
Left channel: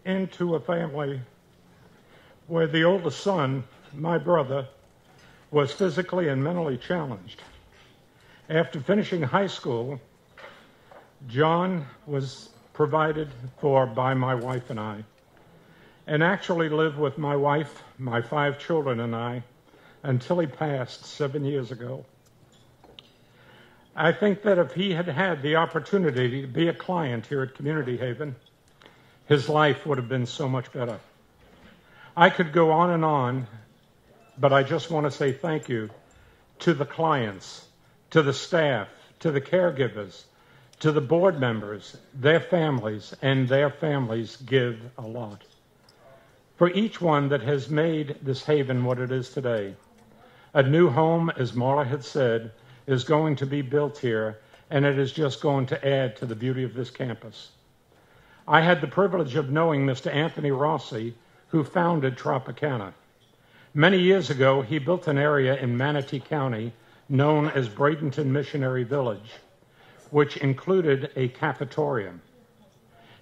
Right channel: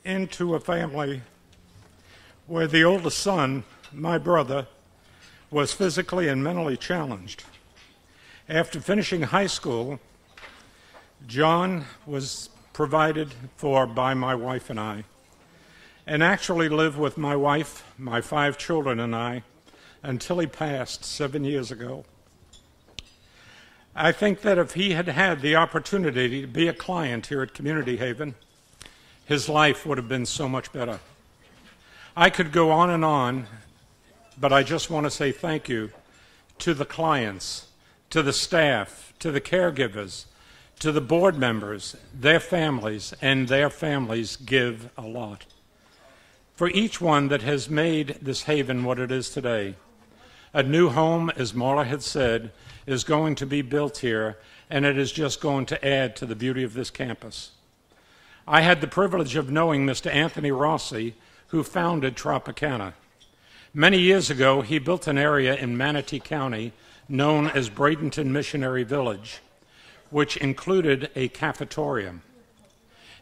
into a family where the oldest son, my brother, was physically and mentally challenged. After finishing high school, John was provided for by my wife and I, and actually lived with my wife, my 5 children, and I until he passed 7 years ago. I think that if he had had the opportunity to be a client here at Community Haven, his life would have been so much better. I could go on, but I just want to say thank you to the clients, to the staff, to the caregivers, to the board members, their families, and their families give a lot. For each one that has made this Haven what it is today, a new home, as Marla had said, is going to be built here, and it is just going to add to the beauty of this campus. I had the privilege of knowing Mr. Anthony Rossi, who founded Tropicana. Many years ago, he built an area in Manatee County known as Bradenton Missionary Village, which included a cafetorium.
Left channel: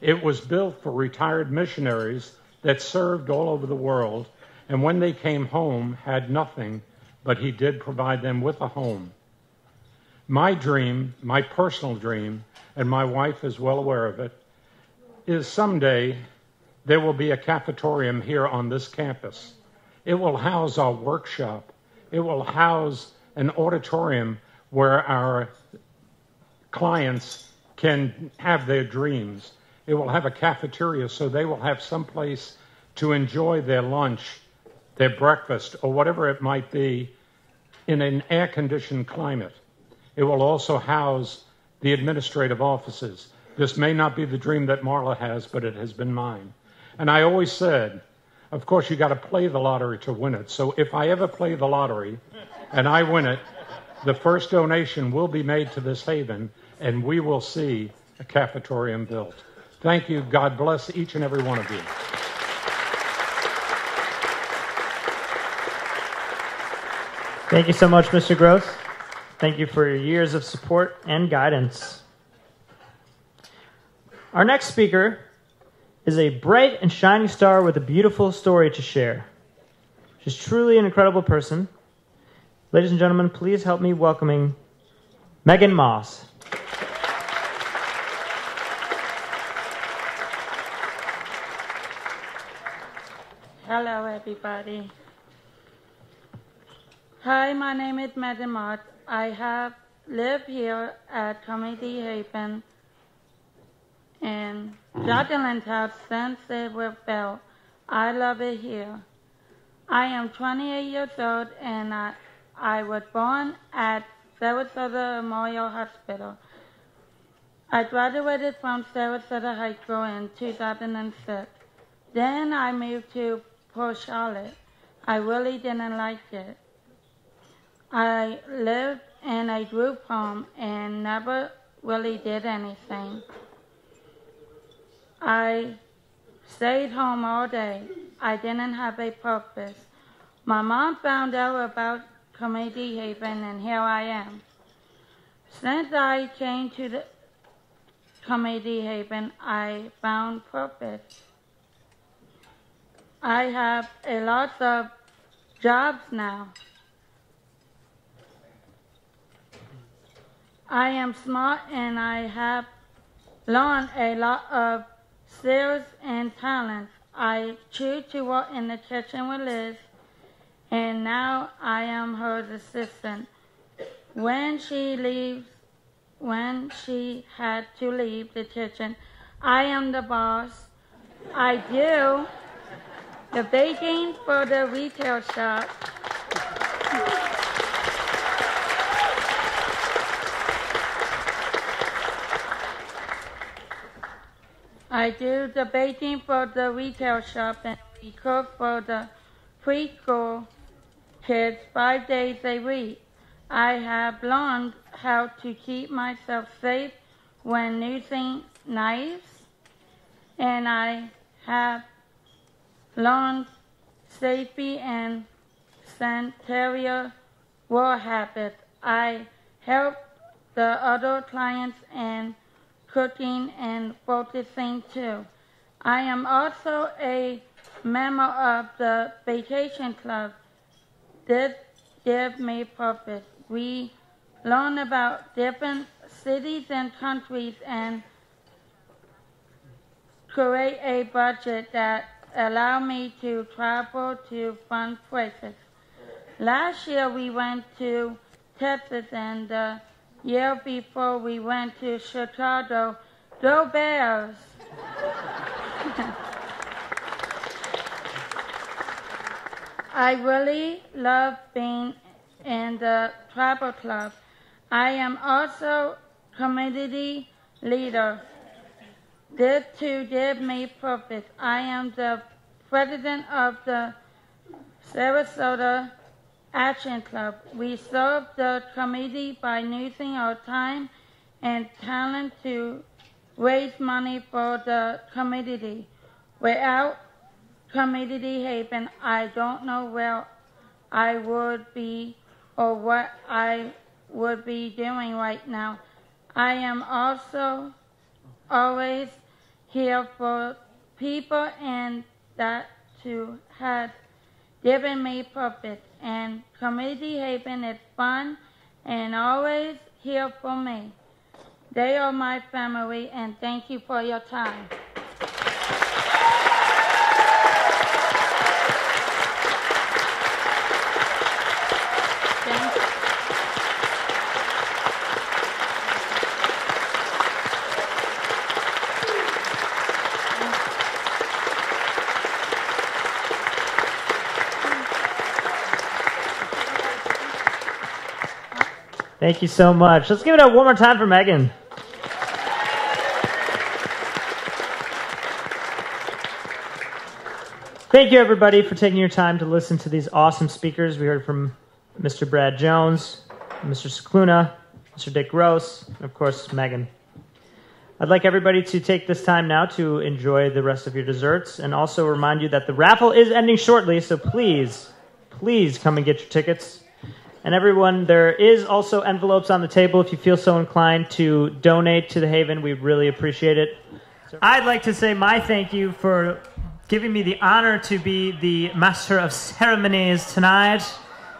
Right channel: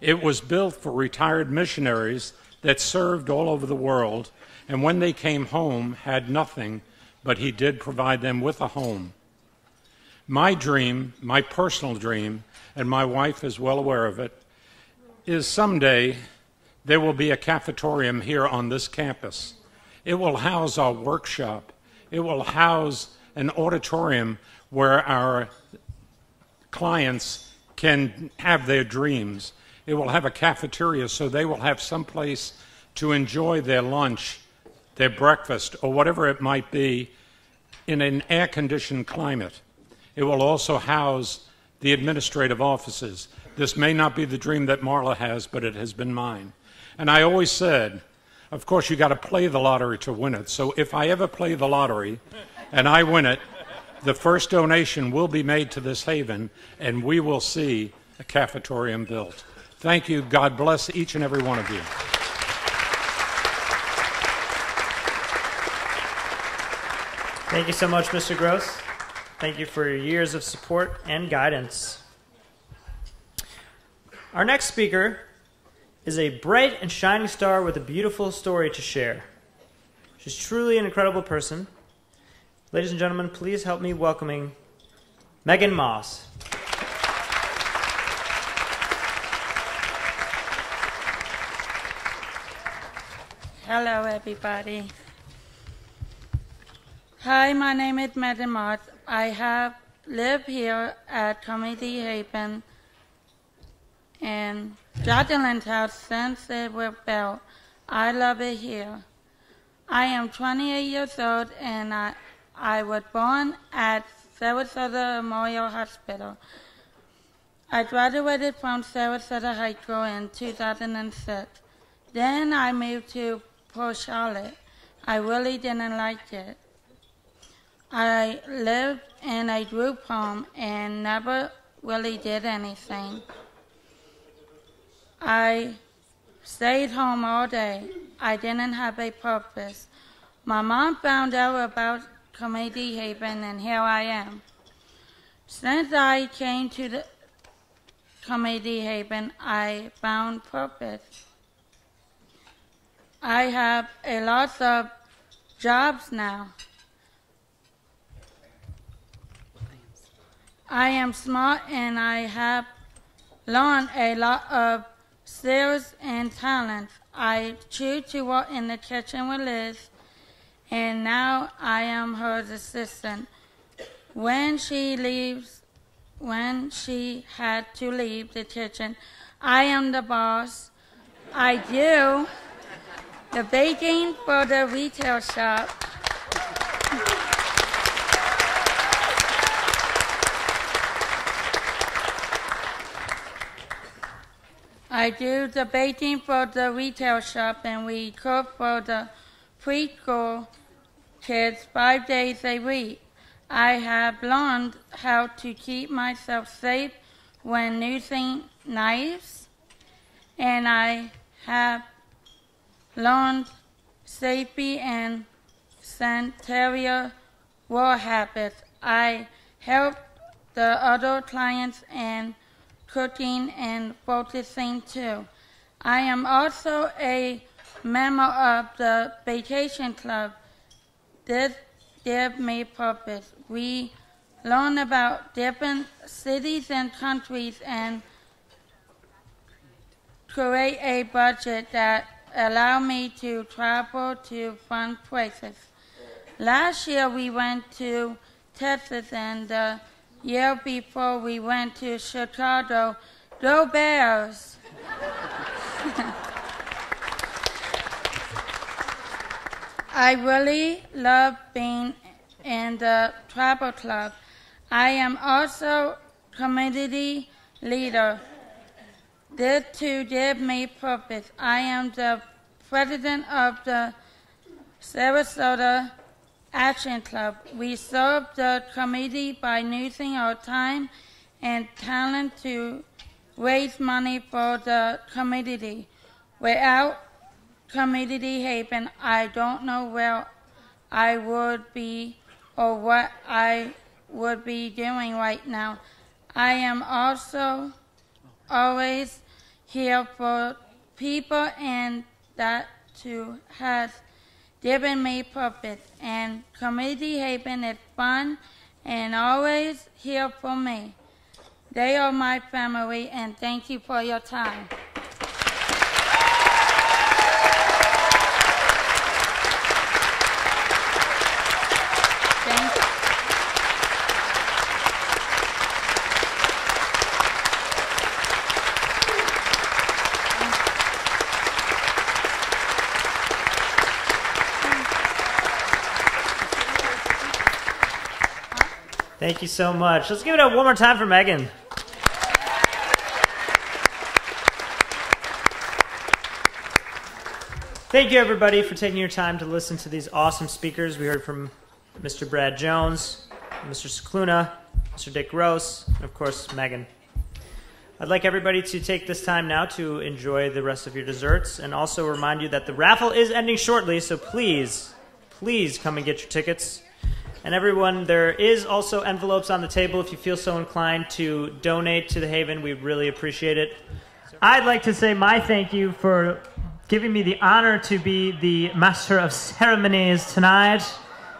It was built for retired missionaries that served all over the world, and when they came home, had nothing, but he did provide them with a home. My dream, my personal dream, and my wife is well aware of it, is someday there will be a cafetorium here on this campus. It will house our workshop. It will house an auditorium where our clients can have their dreams. It will have a cafeteria so they will have some place to enjoy their lunch, their breakfast, or whatever it might be in an air-conditioned climate. It will also house the administrative offices. This may not be the dream that Marla has, but it has been mine. And I always said, of course, you got to play the lottery to win it. So if I ever play the lottery and I win it, the first donation will be made to this haven, and we will see a cafetorium built. Thank you. God bless each and every one of you. Thank you so much, Mr. Gross. Thank you for your years of support and guidance. Our next speaker is a bright and shining star with a beautiful story to share. She's truly an incredible person. Ladies and gentlemen, please help me welcoming Megan Moss. Hello, everybody. Hi, my name is Megan Moss. I have lived here at Community Haven in Judgeland's house since it was built. I love it here. I am 28 years old, and I was born at Sarasota Memorial Hospital. I graduated from Sarasota High School in 2006. Then I moved to Port Charlotte. I really didn't like it. I lived in a group home and never really did anything. I stayed home all day. I didn't have a purpose. My mom found out about Community Haven, and here I am. Since I came to the Community Haven, I found purpose. I have a lot of jobs now. I am smart, and I have learned a lot of skills and talents. I choose to work in the kitchen with Liz, and now I am her assistant. When she had to leave the kitchen, I am the boss. I do the baking for the retail shop. I do the baking for the retail shop, and we cook for the preschool kids 5 days a week. I have learned how to keep myself safe when using knives, and I have learned safety and sanitary work habits. I help the other clients in cooking and focusing too. I am also a member of the vacation club. This gives me purpose. We learn about different cities and countries and create a budget that allow me to travel to fun places. Last year we went to Texas, and the year before we went to Chicago. Go Bears! I really love being in the travel club. I am also community leader. This too gives me purpose. I am the president of the Sarasota Action Club. We serve the community by using our time and talent to raise money for the community. Without Community Haven, I don't know where I would be or what I would be doing right now. I am also always here for people, and that too has given me purpose. And Community Haven is fun and always here for me. They are my family, and thank you for your time. Thank you so much. Let's give it up one more time for Megan. Thank you, everybody, for taking your time to listen to these awesome speakers. We heard from Mr. Brad Jones, Mr. Scicluna, Mr. Dick Gross, and, of course, Megan. I'd like everybody to take this time now to enjoy the rest of your desserts, and also remind you that the raffle is ending shortly, so please, please come and get your tickets. And everyone, there is also envelopes on the table if you feel so inclined to donate to the Haven. We really appreciate it. I'd like to say my thank you for giving me the honor to be the Master of Ceremonies tonight.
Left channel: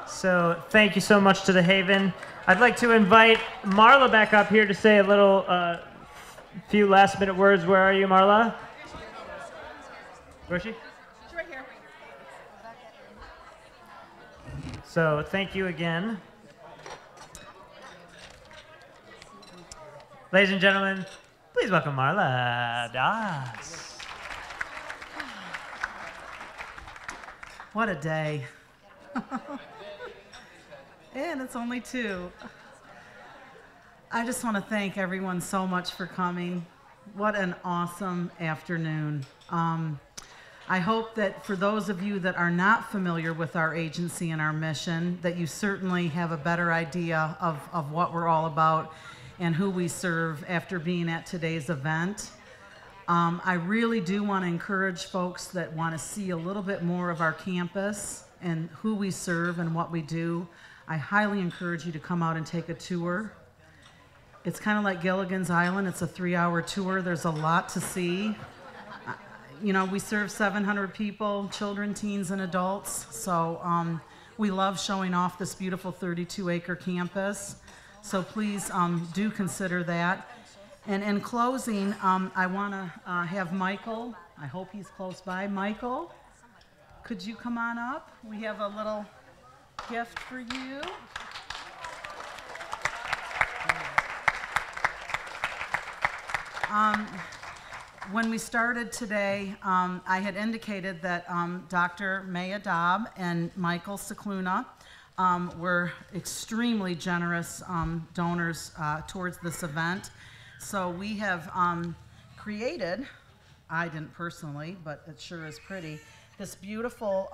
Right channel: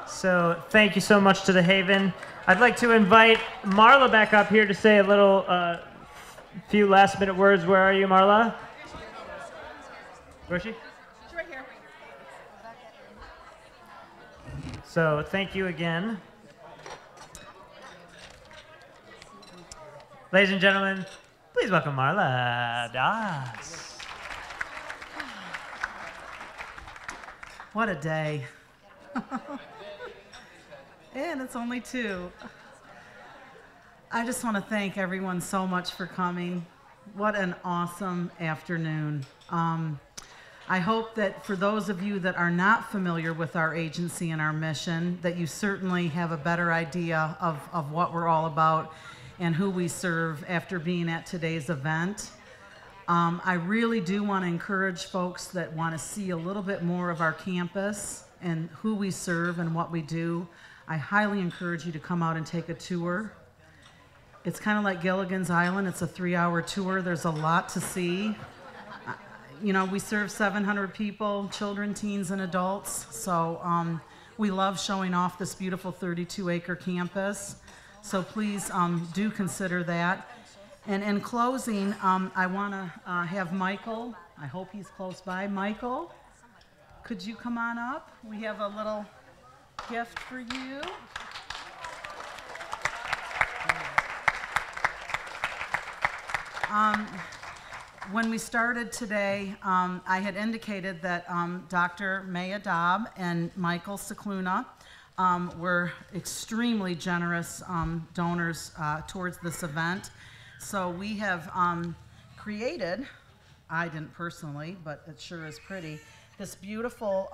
So thank you so much to the Haven. I'd like to invite Marla back up here to say a little, few last minute words. Where are you, Marla? Where is she? She's right here. So thank you again. Ladies and gentlemen, please welcome Marla Das. What a day. And it's only 2. I just want to thank everyone so much for coming. What an awesome afternoon. I hope that for those of you that are not familiar with our agency and our mission, that you certainly have a better idea of what we're all about and who we serve after being at today's event. I really do want to encourage folks that want to see a little bit more of our campus and who we serve and what we do. I highly encourage you to come out and take a tour. It's kind of like Gilligan's Island. It's a 3-hour tour. There's a lot to see. You know, we serve 700 people, children, teens, and adults. So we love showing off this beautiful 32-acre campus. So please do consider that. And in closing, I want to have Michael. I hope he's close by. Michael, could you come on up? We have a little gift for you. When we started today, I had indicated that Dr. Maya Dobb and Michael Scicluna were extremely generous donors towards this event. So we have created, I didn't personally, but it sure is pretty, this beautiful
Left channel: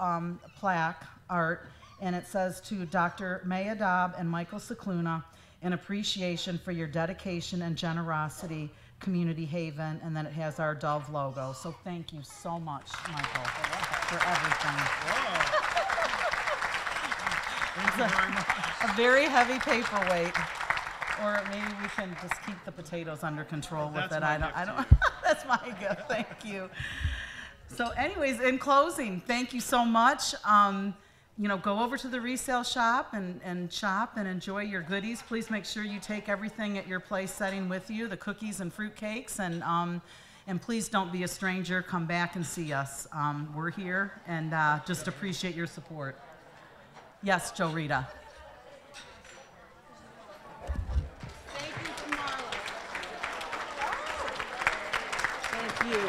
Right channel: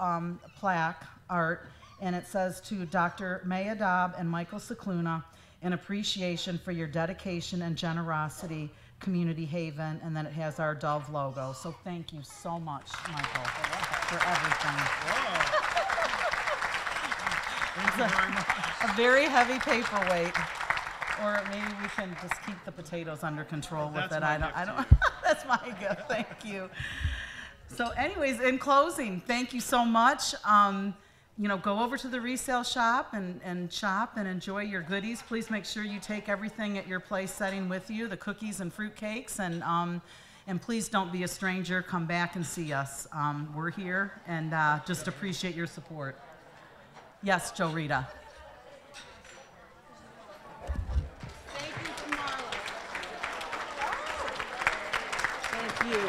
plaque art, and it says to Dr. Maya Dobb and Michael Scicluna, in appreciation for your dedication and generosity, Community Haven, and then it has our Dove logo. So thank you so much, Michael, for everything. It's a very heavy paperweight. Or maybe we can just keep the potatoes under control with it. I don't. That's my gift. Thank you. So, anyways, in closing, thank you so much. You know, go over to the resale shop and shop and enjoy your goodies. Please make sure you take everything at your place setting with you, the cookies and fruit cakes, and please don't be a stranger. Come back and see us. We're here and just appreciate your support. Yes, Jo Rita. Thank you, Marla. Thank you.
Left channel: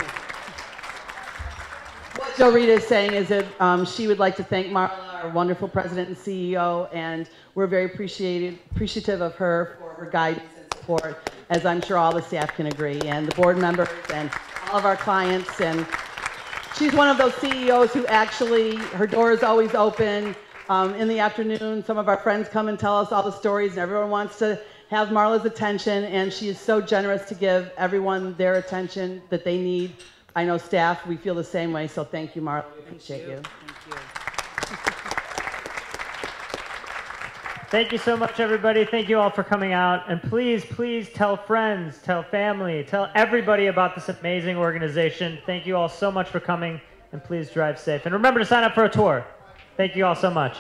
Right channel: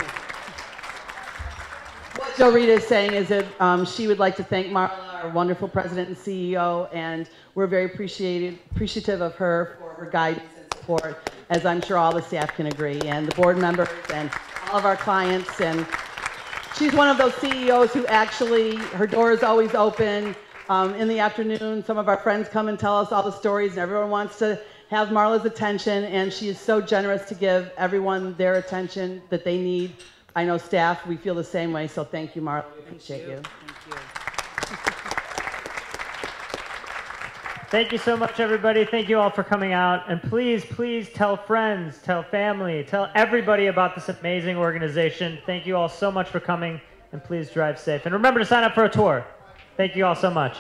What Jo Rita is saying is that she would like to thank Marla, our wonderful president and CEO, and we're very appreciative of her for her guidance and support, as I'm sure all the staff can agree, and the board members and all of our clients. And she's one of those CEOs who actually, her door is always open. In the afternoon, some of our friends come and tell us all the stories, and everyone wants to have Marla's attention, and she is so generous to give everyone their attention that they need. I know staff, we feel the same way, so thank you, Marla. We appreciate you. Thank you. Thank you so much, everybody. Thank you all for coming out. And please, please tell friends, tell family, tell everybody about this amazing organization. Thank you all so much for coming, and please drive safe. And remember to sign up for a tour. Thank you all so much.